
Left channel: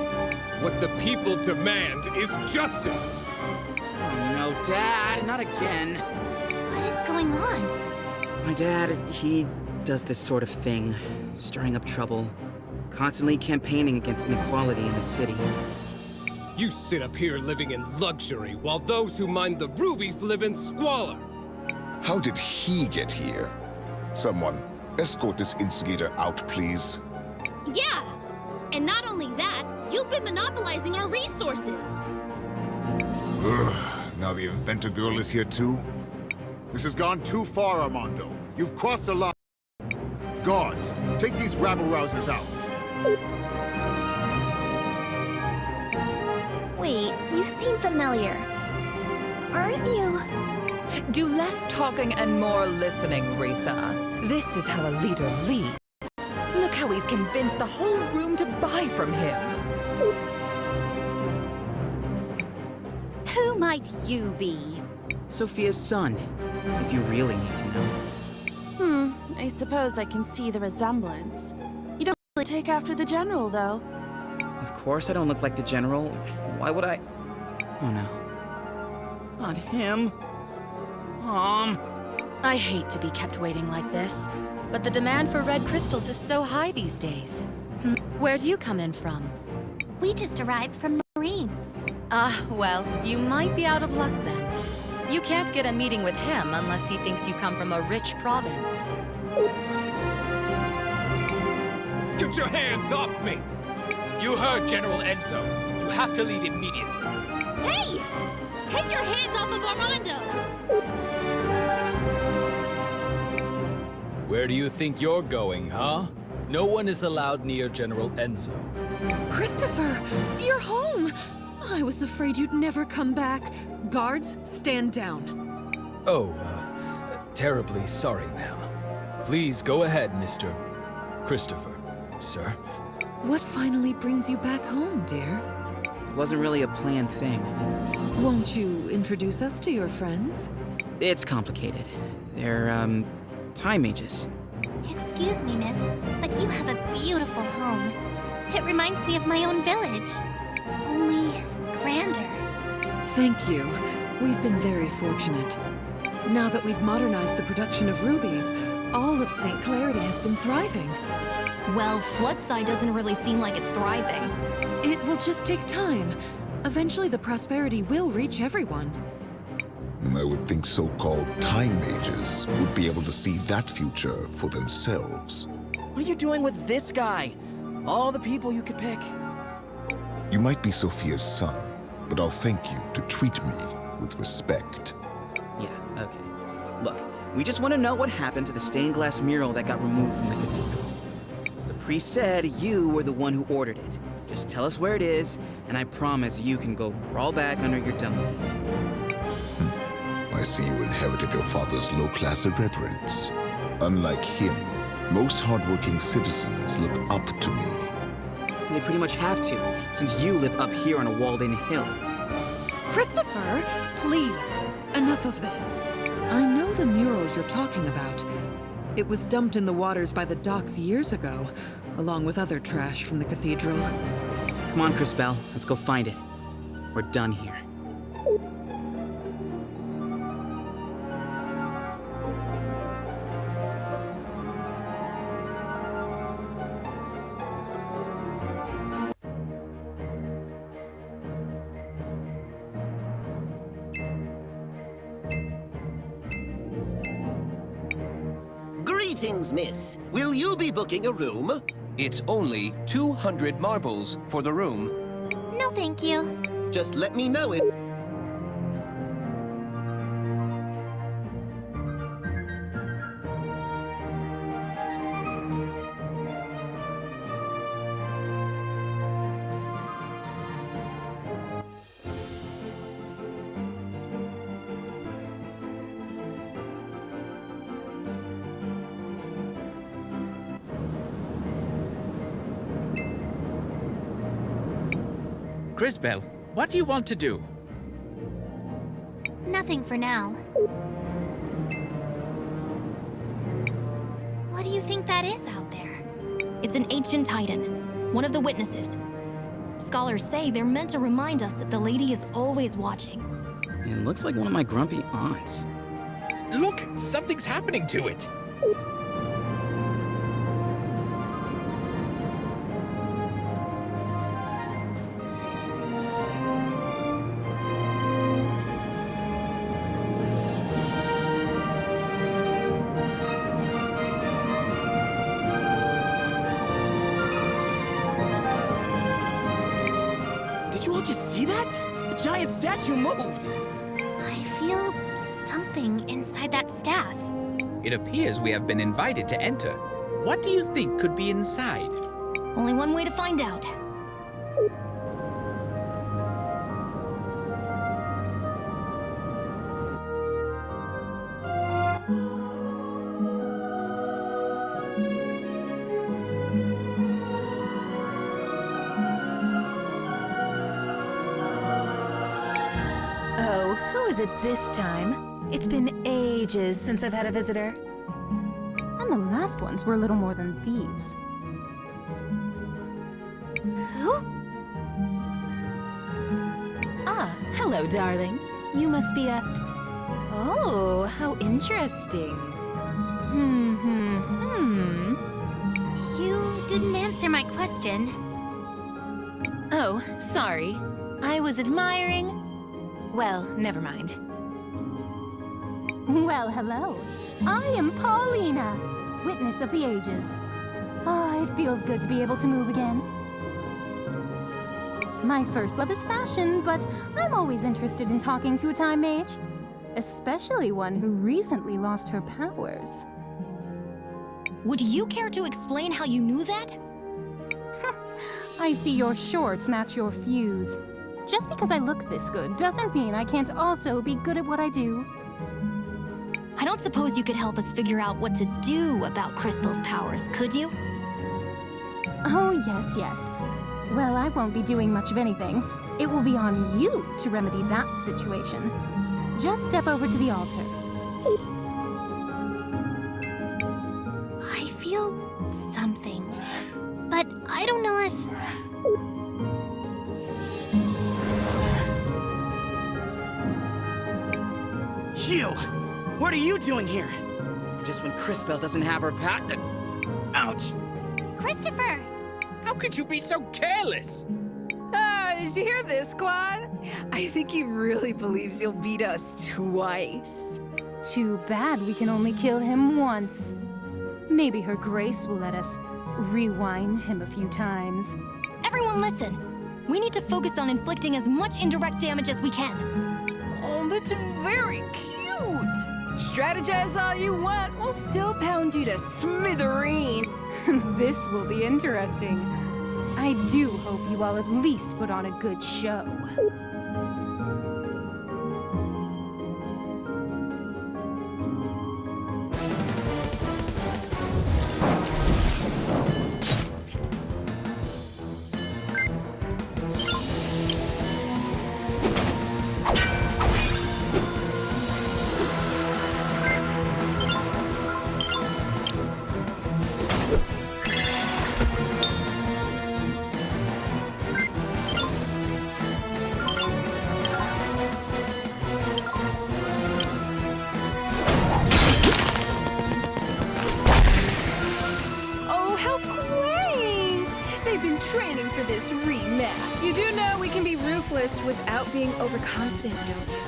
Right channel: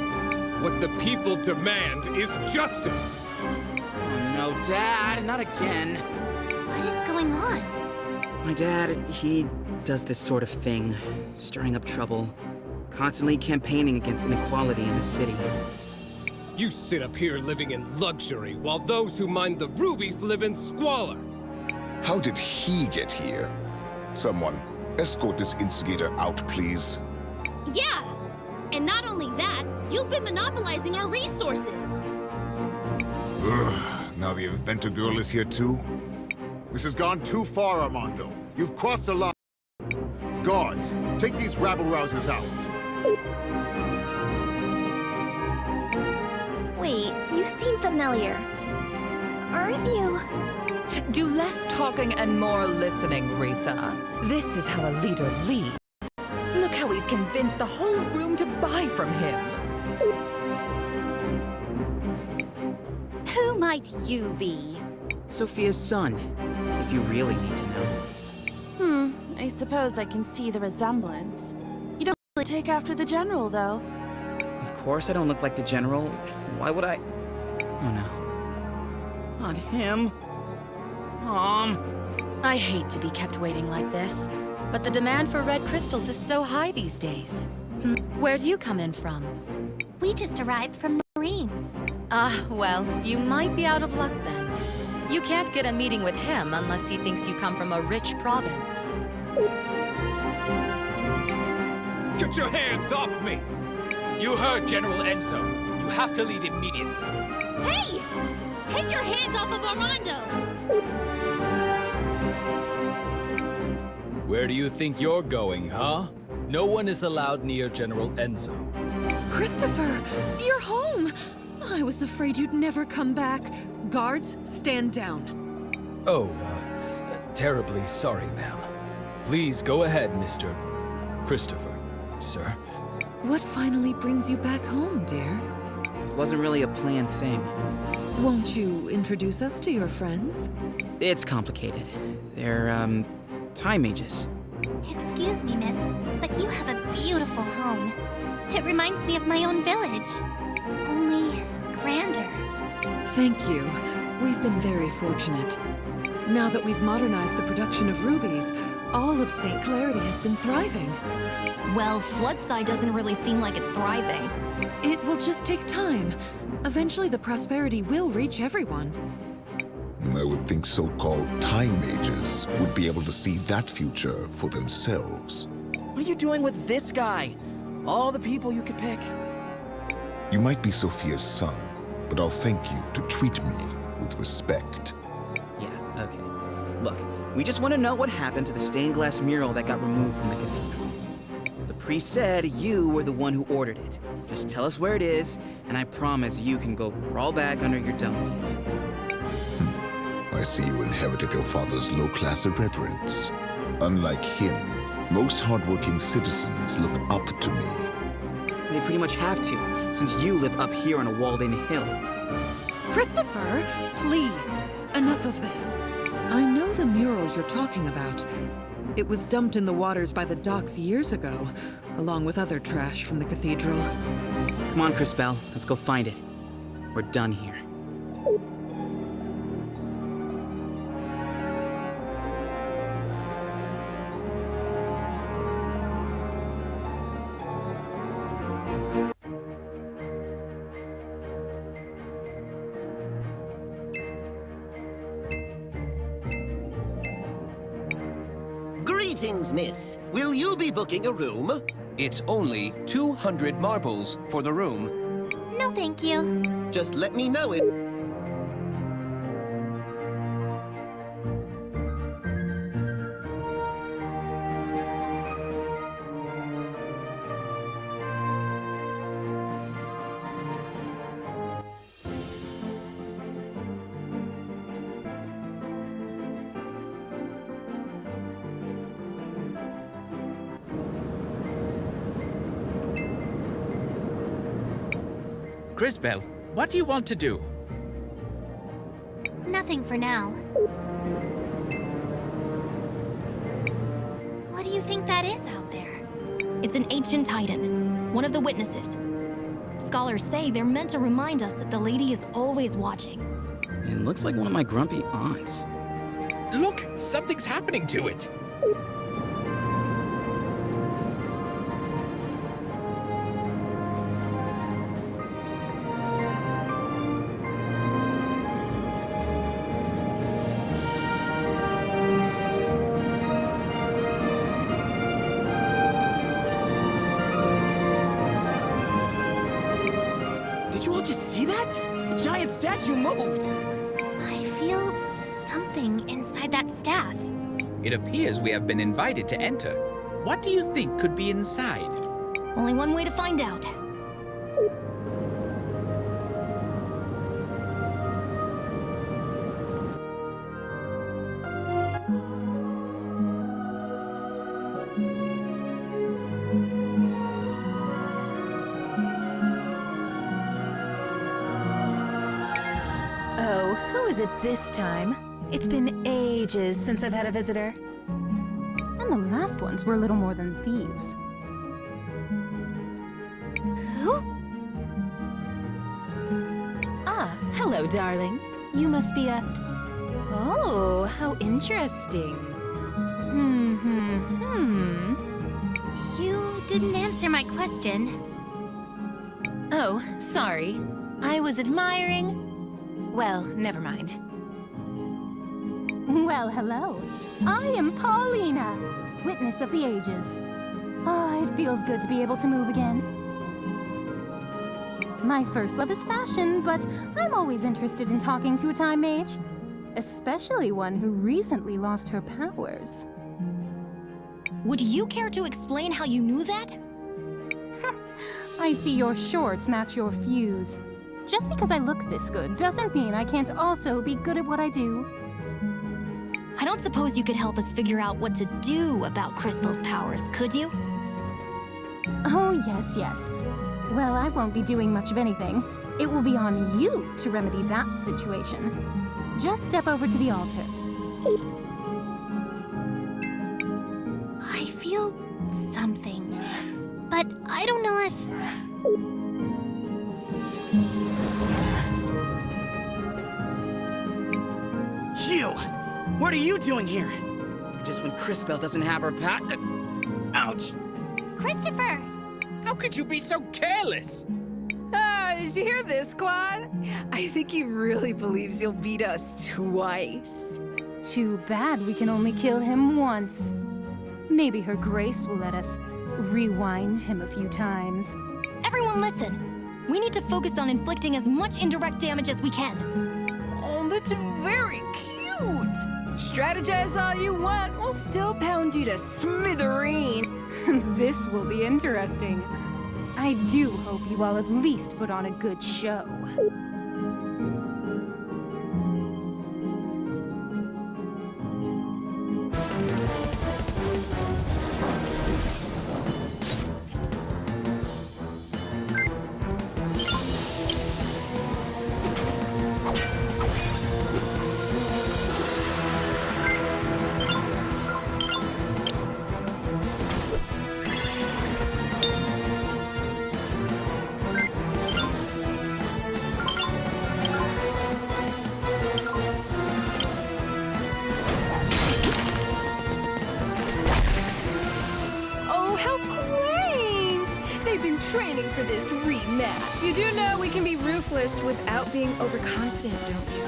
What the people demand is justice! Oh no, Dad, not again. What is going on? My dad, he does this sort of thing, stirring up trouble, constantly campaigning against inequality in the city. You sit up here living in luxury, while those who mine the rubies live in squalor! How did he get here? Someone, escort this instigator out, please. Yeah! And not only that, you've been monopolizing our resources! Ugh, now the inventor girl is here too? This has gone too far, Armando. You've crossed the line. Guards, take these rabble-rousers out. Wait, you seem familiar. Aren't you? Do less talking and more listening, Risa. This is how a leader leads. Look how he's convinced the whole room to buy from him. Who might you be? Sophia's son, if you really need to know. I suppose I can see the resemblance. You don't really take after the General, though. Of course I don't look like the General. Why would I? Oh no. Not him. Mom. I hate to be kept waiting like this, but the demand for red crystals is so high these days. Where do you come in from? We just arrived from Marine. Ah, well, you might be out of luck then. You can't get a meeting with him unless he thinks you come from a rich province. Get your hands off me! You heard General Enzo. You have to leave immediately. Hey! Take your hands off of Armando! Where do you think you're going, huh? No one is allowed near General Enzo. Christopher, you're home! I was afraid you'd never come back. Guards, stand down. Oh, terribly sorry, ma'am. Please go ahead, Mr. Christopher, sir. What finally brings you back home, dear? It wasn't really a planned thing. Won't you introduce us to your friends? It's complicated. They're, time mages. Excuse me, miss, but you have a beautiful home. It reminds me of my own village. Only grander. Thank you. We've been very fortunate. Now that we've modernized the production of rubies, all of St. Clarity has been thriving. Well, Floodside doesn't really seem like it's thriving. It will just take time. Eventually the prosperity will reach everyone. I would think so-called time mages would be able to see that future for themselves. What are you doing with this guy? All the people you could pick. You might be Sophia's son, but I'll thank you to treat me with respect. Yeah, okay. Look, we just want to know what happened to the stained glass mural that got removed from the cathedral. The priest said you were the one who ordered it. Just tell us where it is, and I promise you can go crawl back under your dung heap. I see you inherited your father's low-class irreverence. Unlike him, most hardworking citizens look up to me. They pretty much have to, since you live up here on a walled-in hill. Christopher, please, enough of this. I know the mural you're talking about. It was dumped in the waters by the docks years ago, along with other trash from the cathedral. Come on, Cris Tale, let's go find it. We're done here. Greetings, miss. Will you be booking a room? It's only 200 marbles for the room. No, thank you. Just let me know it. Cris Tale, what do you want to do? Nothing for now. What do you think that is out there? It's an ancient titan, one of the witnesses. Scholars say they're meant to remind us that the lady is always watching. It looks like one of my grumpy aunts. Look, something's happening to it. Did you all just see that? The giant statue moved! I feel something inside that staff. It appears we have been invited to enter. What do you think could be inside? Only one way to find out. Oh, who is it this time? It's been ages since I've had a visitor. And the last ones were little more than thieves. Who? Ah, hello, darling. You must be a... Oh, how interesting. You didn't answer my question. Oh, sorry. I was admiring... Well, never mind. Well, hello. I am Paulina, witness of the ages. Ah, it feels good to be able to move again. My first love is fashion, but I'm always interested in talking to a time mage. Especially one who recently lost her powers. Would you care to explain how you knew that? I see your shorts match your fuse. Just because I look this good doesn't mean I can't also be good at what I do. I don't suppose you could help us figure out what to do about Crispel's powers, could you? Oh, yes. Well, I won't be doing much of anything. It will be on you to remedy that situation. Just step over to the altar. I feel something, but I don't know if... You! What are you doing here? Just when Crispel doesn't have her pat... Ouch! Christopher! How could you be so careless? Did you hear this, Claude? I think he really believes you'll beat us twice. Too bad we can only kill him once. Maybe Her Grace will let us rewind him a few times. Everyone listen! We need to focus on inflicting as much indirect damage as we can. Oh, that's very cute! Strategize all you want, we'll still pound you to smithereens. This will be interesting. I do hope you all at least put on a good show. Training for this rematch. You do know we can be ruthless without being overconfident, don't you?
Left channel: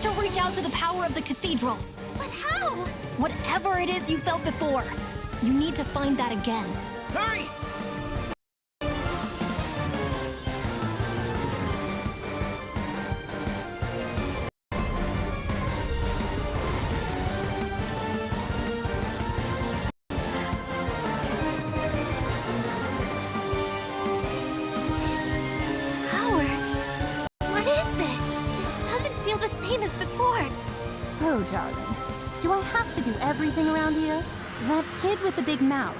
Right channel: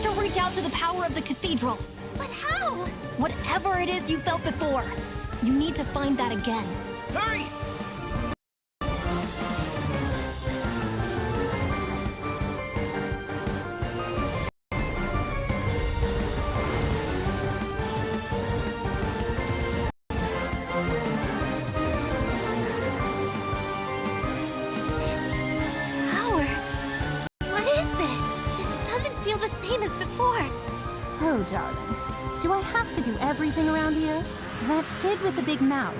To reach out to the power of the cathedral. But how? Whatever it is you felt before, you need to find that again. Hurry! This power. What is this? Feel the same as before. Oh, darling. Do I have to do everything around here? That kid with the big mouth.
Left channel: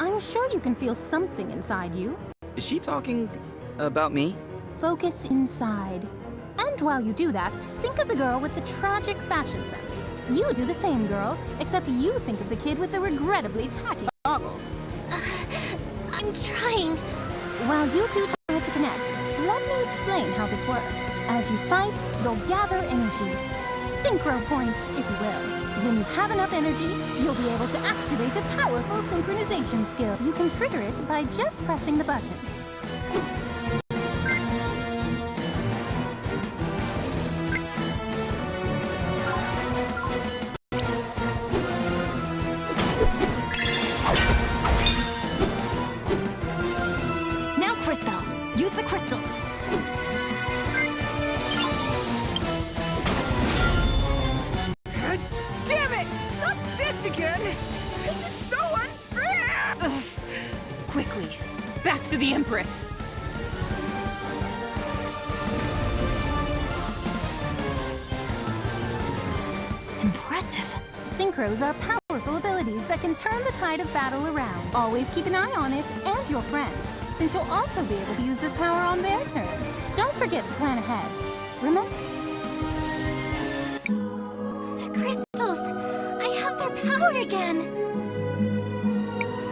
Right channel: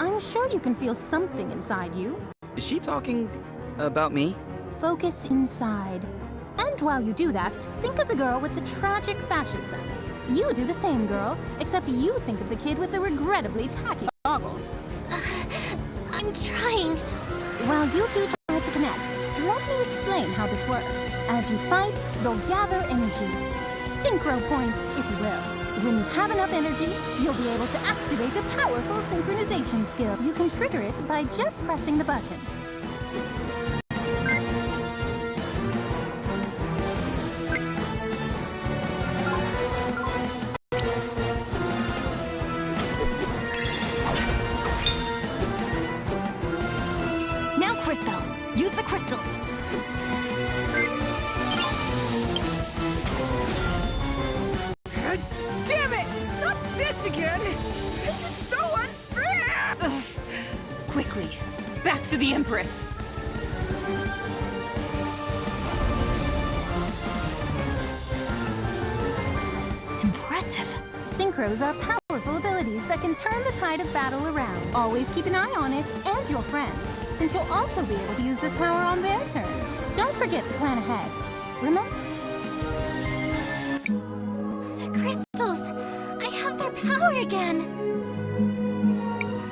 I'm sure you can feel something inside you. Is she talking about me? Focus inside. And while you do that, think of the girl with the tragic fashion sense. You do the same, girl, except you think of the kid with the regrettably tacky goggles. I'm trying. While you two try to connect, let me explain how this works. As you fight, you'll gather energy. Synchro points, if you will. When you have enough energy, you'll be able to activate a powerful synchronization skill. You can trigger it by just pressing the button. Use the crystals. Damn it! Not this again! This is so unfair! Ugh. Quickly, back to the Empress. Impressive. Synchros are powerful abilities that can turn the tide of battle around. Always keep an eye on it and your friends, since you'll also be able to use this power on their turns. Don't forget to plan ahead. Remember? The crystals! I have their power again!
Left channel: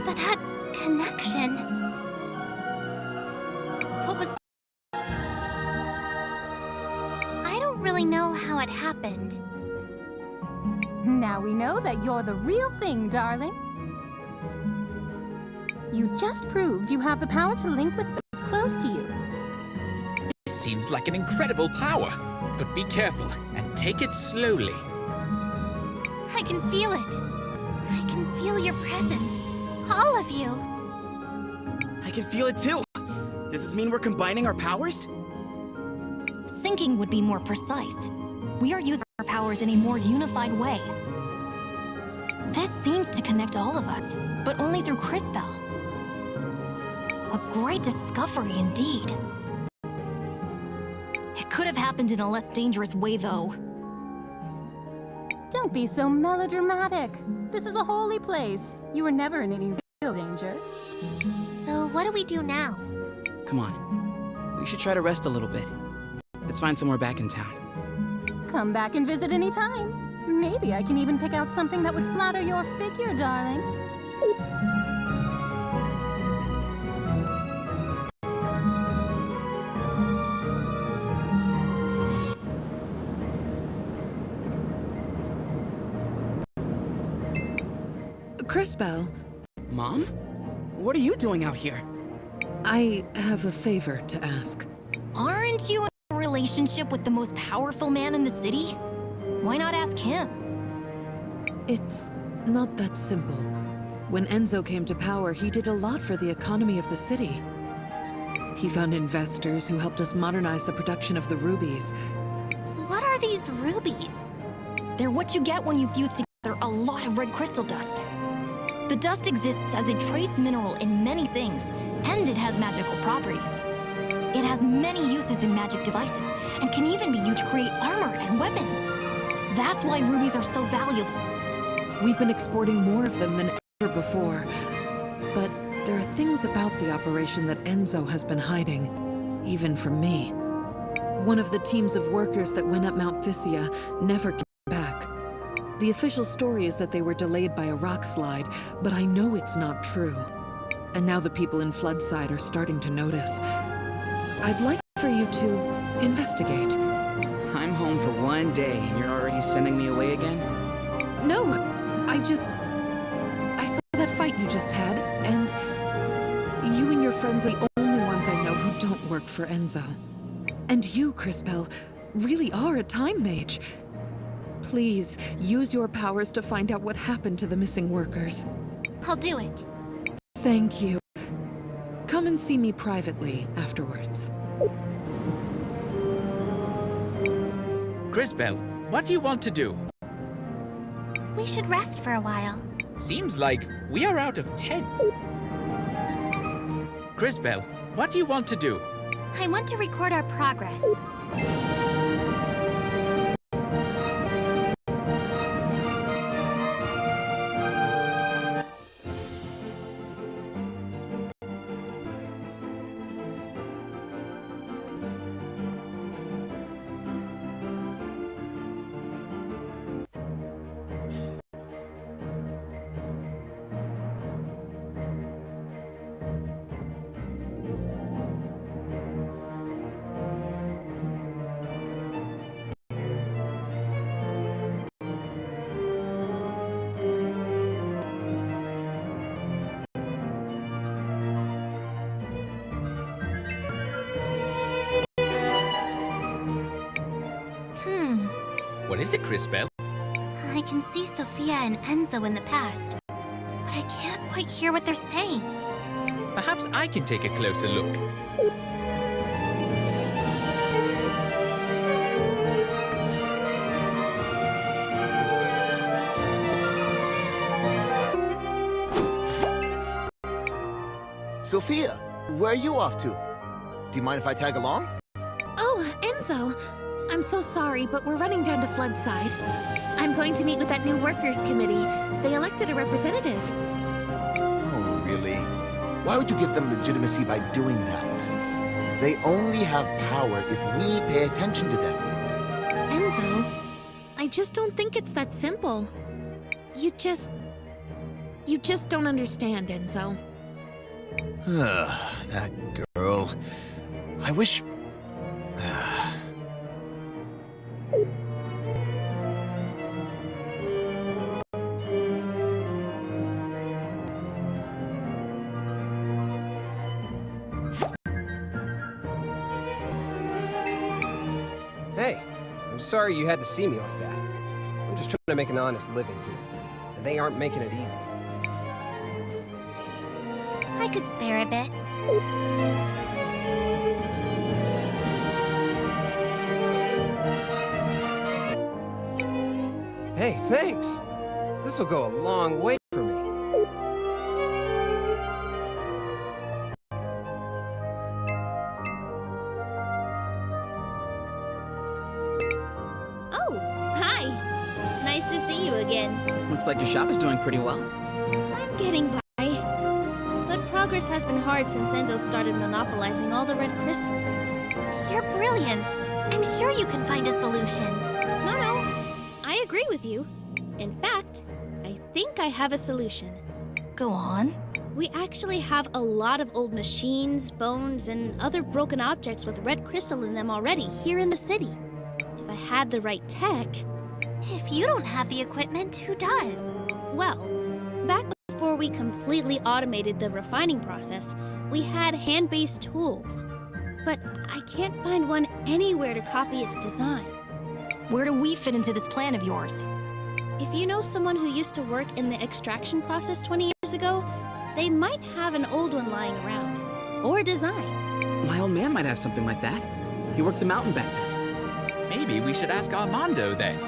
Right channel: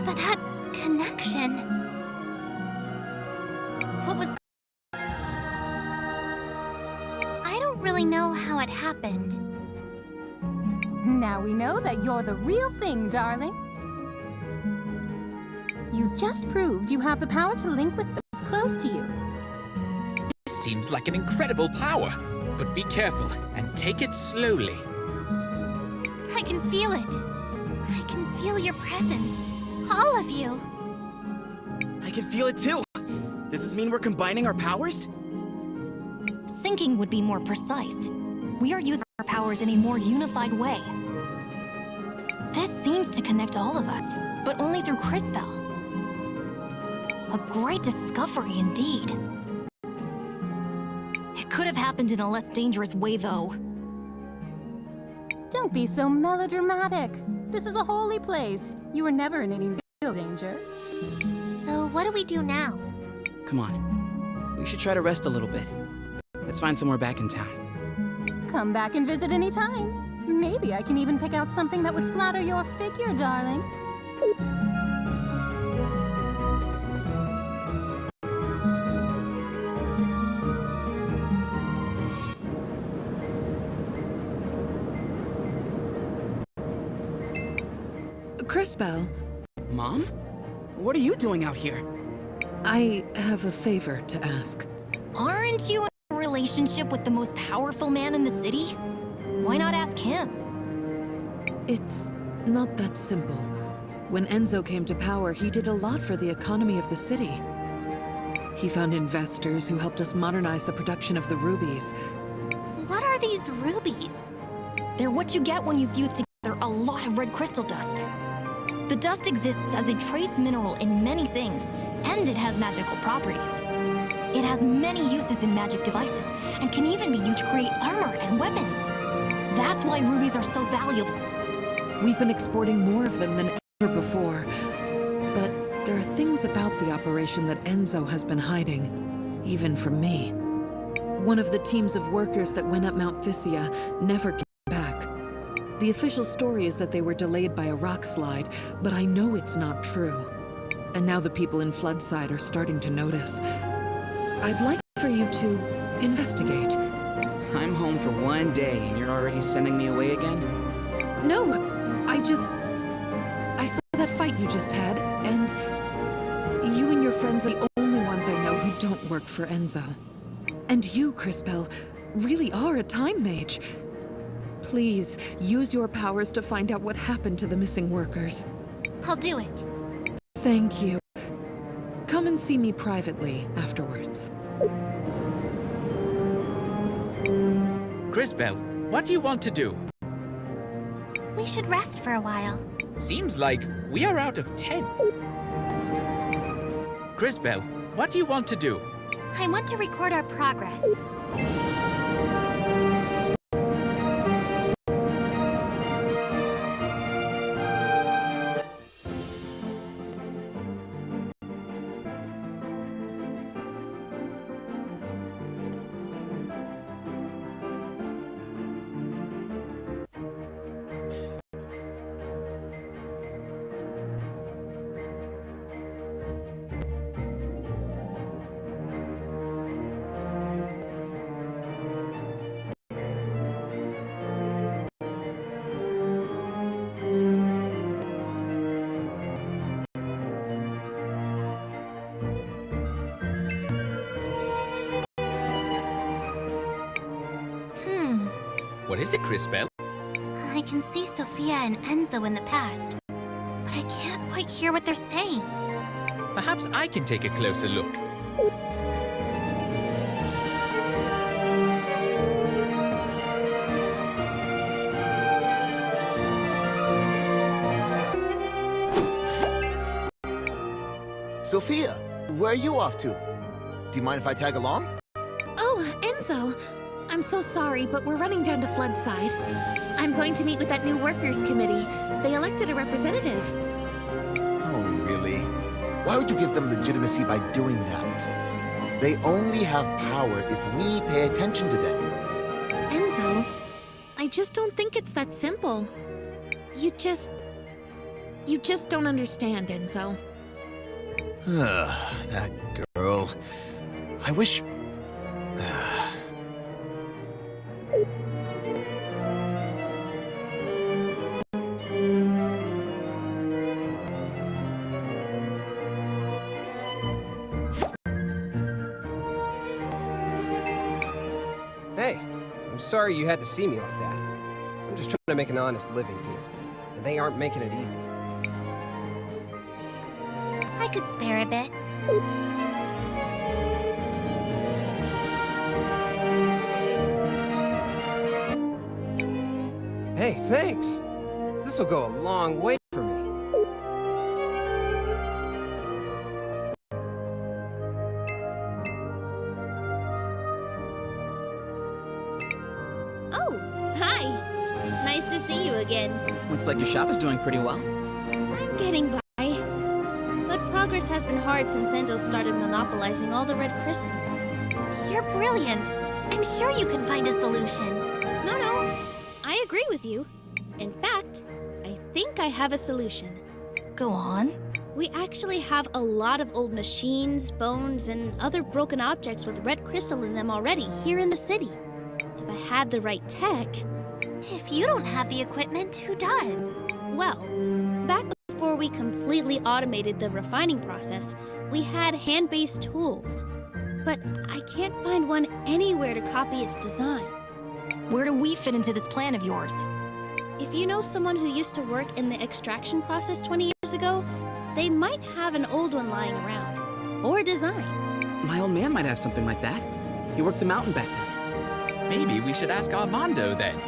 But that connection... What was... I don't really know how it happened. Now we know that you're the real thing, darling. You just proved you have the power to link with those close to you. This seems like an incredible power, but be careful and take it slowly. I can feel it. I can feel your presence. All of you. I can feel it too. Does this mean we're combining our powers? Syncing would be more precise. We are using our powers in a more unified way. This seems to connect all of us, but only through Cris Tale. A great discovery indeed. It could have happened in a less dangerous way, though. Don't be so melodramatic. This is a holy place. You were never in any real danger. So what do we do now? Come on. We should try to rest a little bit. Let's find somewhere back in town. Come back and visit any time. Maybe I can even pick out something that would flatter your figure, darling. Cris Tale. Mom? What are you doing out here? I have a favor to ask. Aren't you in a relationship with the most powerful man in the city? Why not ask him? It's not that simple. When Enzo came to power, he did a lot for the economy of the city. He found investors who helped us modernize the production of the rubies. What are these rubies? They're what you get when you fuse together a lot of red crystal dust. The dust exists as a trace mineral in many things, and it has magical properties. It has many uses in magic devices, and can even be used to create armor and weapons. That's why rubies are so valuable. We've been exporting more of them than ever before. But there are things about the operation that Enzo has been hiding, even from me. One of the teams of workers that went up Mount Thysia never came back. The official story is that they were delayed by a rock slide, but I know it's not true. And now the people in Floodside are starting to notice. I'd like for you to investigate. I'm home for one day and you're already sending me away again? No, I saw that fight you just had, and you and your friends are the only ones I know who don't work for Enzo. And you, Cris Tale, really are a time mage. Please, use your powers to find out what happened to the missing workers. I'll do it. Thank you. Come and see me privately afterwards. Cris Tale, what do you want to do? We should rest for a while. Seems like we are out of tents. Cris Tale, what do you want to do? I want to record our progress. What is it, Cris Tale? I can see Sophia and Enzo in the past, but I can't quite hear what they're saying. Perhaps I can take a closer look. Sophia, where are you off to? Do you mind if I tag along? Oh, Enzo. I'm so sorry, but we're running down to Floodside. I'm going to meet with that new workers' committee. They elected a representative. Oh, really? Why would you give them legitimacy by doing that? They only have power if we pay attention to them. Enzo, I just don't think it's that simple. You just don't understand, Enzo. That girl. I wish... Hey, I'm sorry you had to see me like that. I'm just trying to make an honest living here, and they aren't making it easy. I could spare a bit. Hey, thanks! This'll go a long way for me. Oh, hi. Nice to see you again. Looks like your shop is doing pretty well. I'm getting by. But progress has been hard since Enzo started monopolizing all the red crystal. You're brilliant. I'm sure you can find a solution. No. I agree with you. In fact, I think I have a solution. Go on. We actually have a lot of old machines, bones, and other broken objects with red crystal in them already here in the city. If I had the right tech... If you don't have the equipment, who does? Well, back before we completely automated the refining process, we had hand-based tools. But I can't find one anywhere to copy its design. Where do we fit into this plan of yours? If you know someone who used to work in the extraction process 20 years ago, they might have an old one lying around. Or a design. My old man might have something like that. He worked the mountain back then. Maybe we should ask Armando then.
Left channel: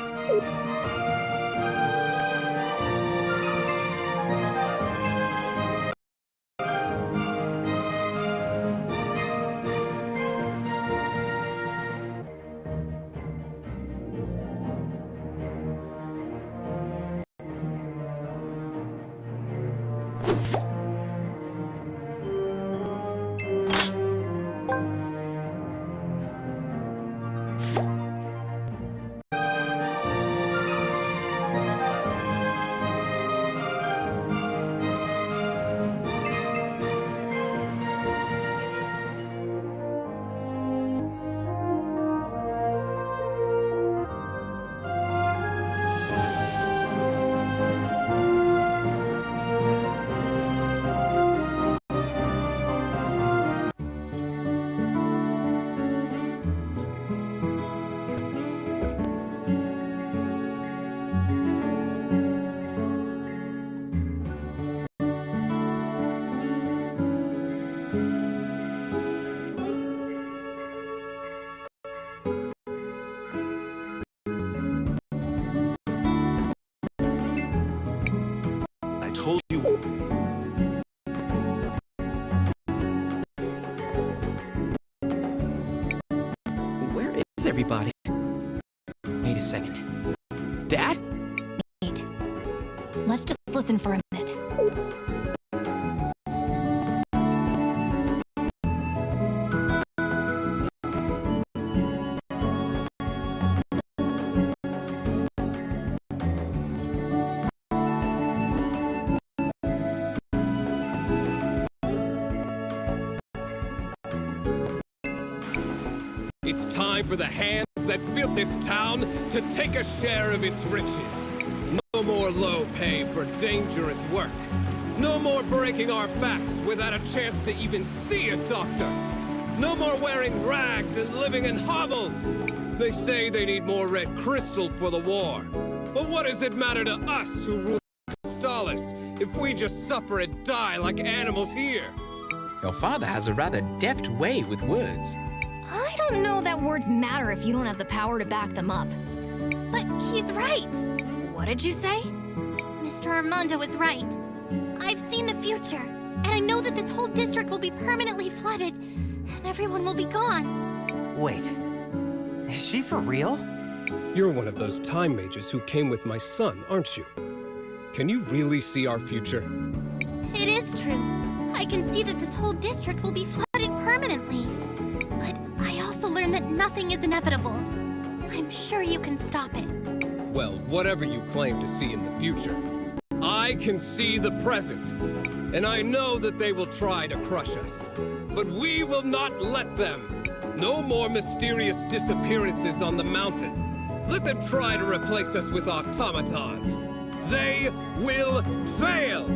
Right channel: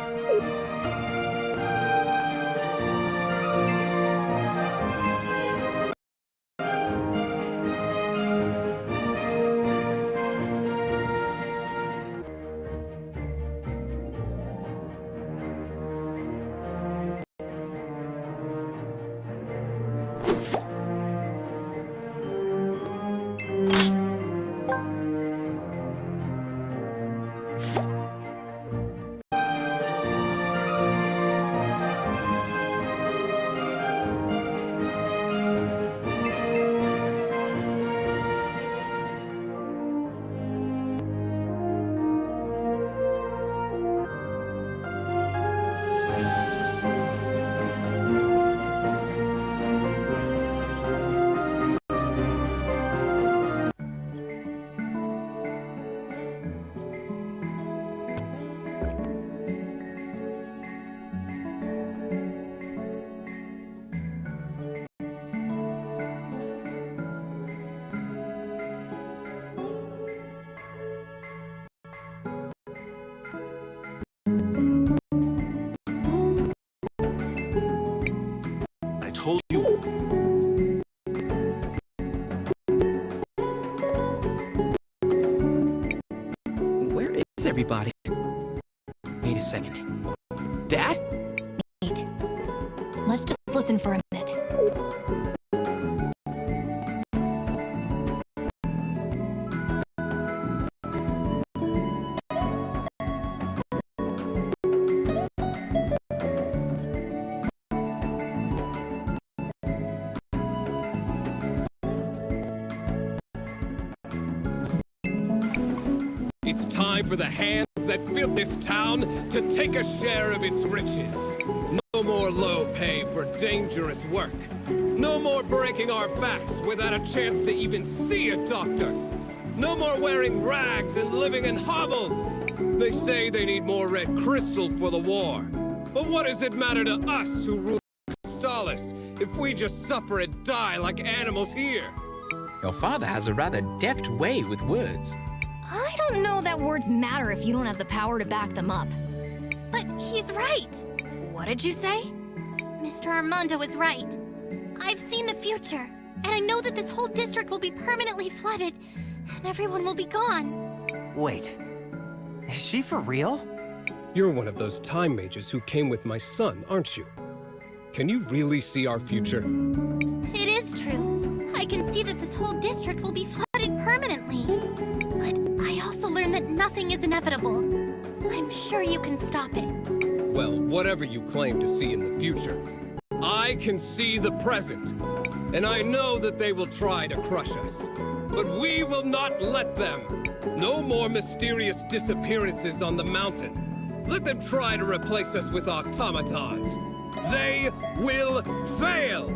Told you. Where is everybody? Wait a second. Dad? Wait. Let's just listen for a minute. It's time for the hands that built this town to take a share of its riches. No more low pay for dangerous work. No more breaking our backs without a chance to even see a doctor. No more wearing rags and living in hovels. They say they need more red crystal for the war. But what does it matter to us who rule Crystallis if we just suffer and die like animals here? Your father has a rather deft way with words. I don't know that words matter if you don't have the power to back them up. But he's right. What did you say? Mr. Armando is right. I've seen the future. And I know that this whole district will be permanently flooded, and everyone will be gone. Wait. Is she for real? You're one of those time mages who came with my son, aren't you? Can you really see our future? It is true. I can see that this whole district will be flooded permanently. But I also learned that nothing is inevitable. I'm sure you can stop it. Well, whatever you claim to see in the future, I can see the present. And I know that they will try to crush us. But we will not let them. No more mysterious disappearances on the mountain. Let them try to replace us with automatons. They will fail!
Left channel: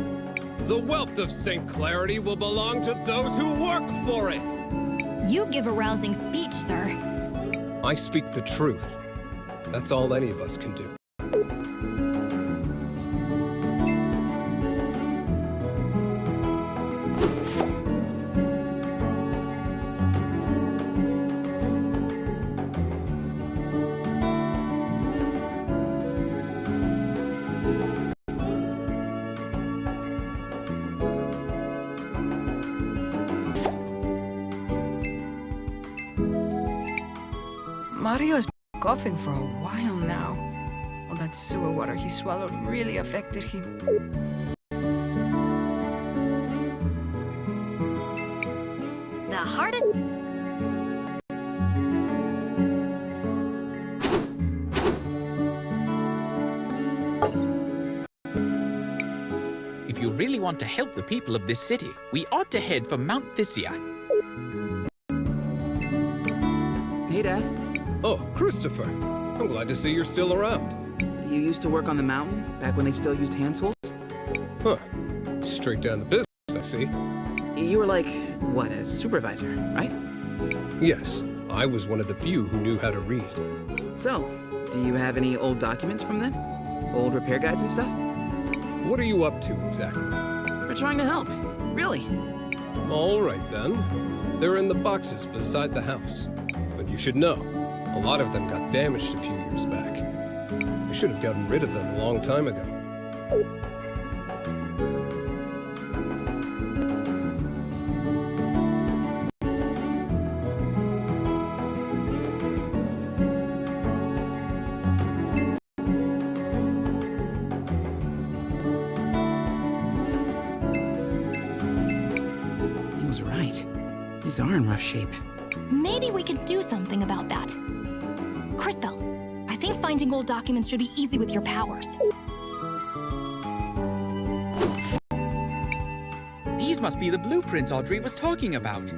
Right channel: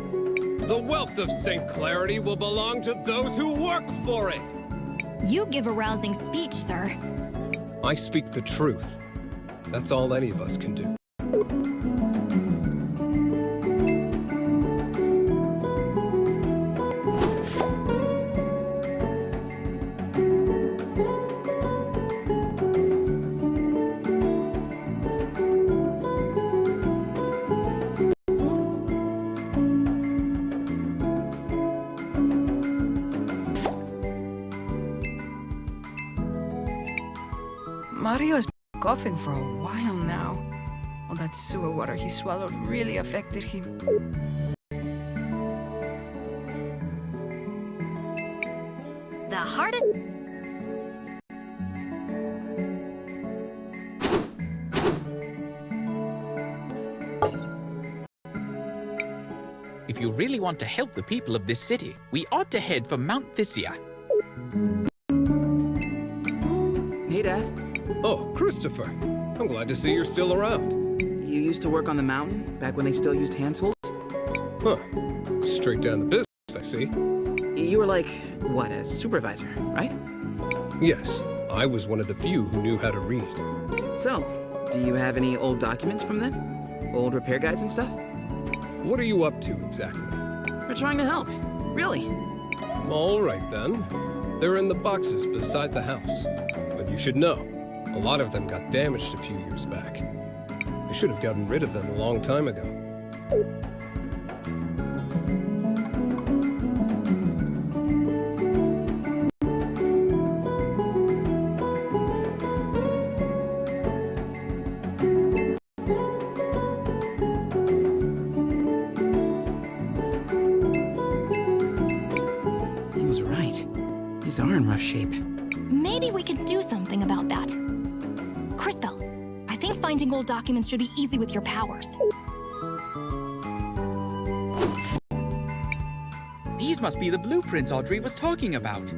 The wealth of St. Clarity will belong to those who work for it! You give a rousing speech, sir. I speak the truth. That's all any of us can do. Mario's been coughing for a while now. All that sewer water he swallowed really affected him. The hardest... If you really want to help the people of this city, we ought to head for Mount Thysia. Hey, Dad. Oh, Christopher. I'm glad to see you're still around. You used to work on the mountain, back when they still used hand tools? Huh. Straight down the business, I see. You were like, what, a supervisor, right? Yes, I was one of the few who knew how to read. So, do you have any old documents from then? Old repair guides and stuff? What are you up to, exactly? We're trying to help. Really. All right, then. They're in the boxes beside the house. But you should know, a lot of them got damaged a few years back. I should have gotten rid of them a long time ago. He was right. These are in rough shape. Maybe we could do something about that. Cris Tale, I think finding old documents should be easy with your powers. These must be the blueprints Audrey was talking about.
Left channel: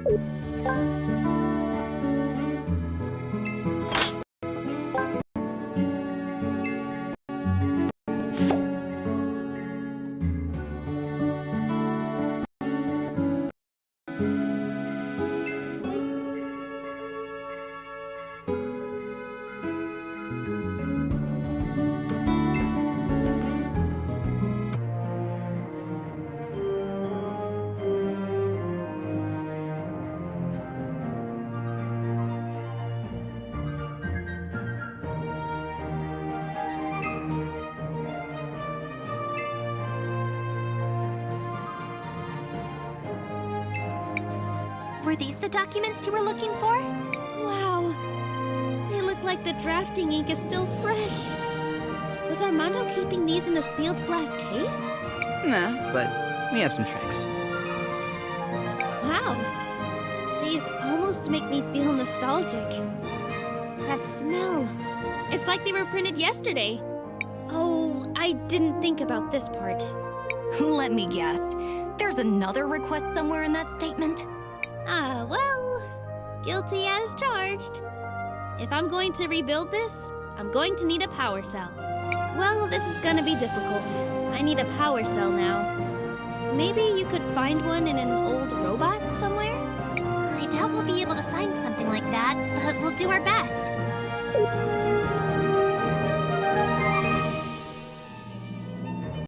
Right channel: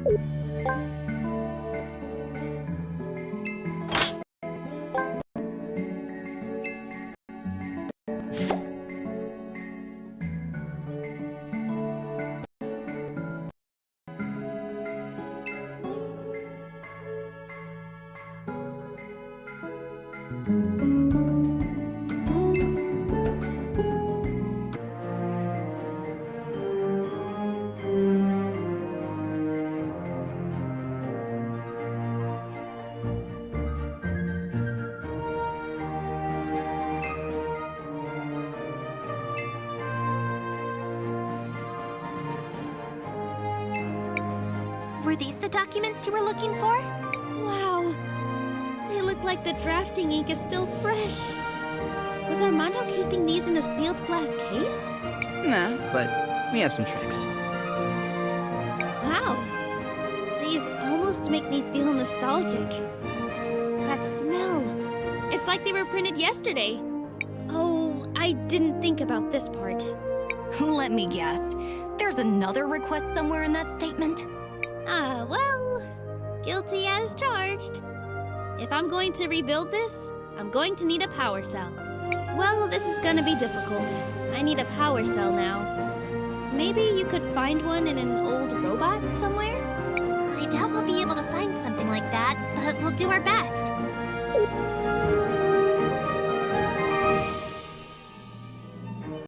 Were these the documents you were looking for? Wow. They look like the drafting ink is still fresh. Was Armando keeping these in a sealed glass case? Nah, but we have some tricks. Wow. These almost make me feel nostalgic. That smell. It's like they were printed yesterday. Oh, I didn't think about this part. Let me guess. There's another request somewhere in that statement? Ah, well, guilty as charged. If I'm going to rebuild this, I'm going to need a power cell. Well, this is gonna be difficult. I need a power cell now. Maybe you could find one in an old robot somewhere? I doubt we'll be able to find something like that, but we'll do our best.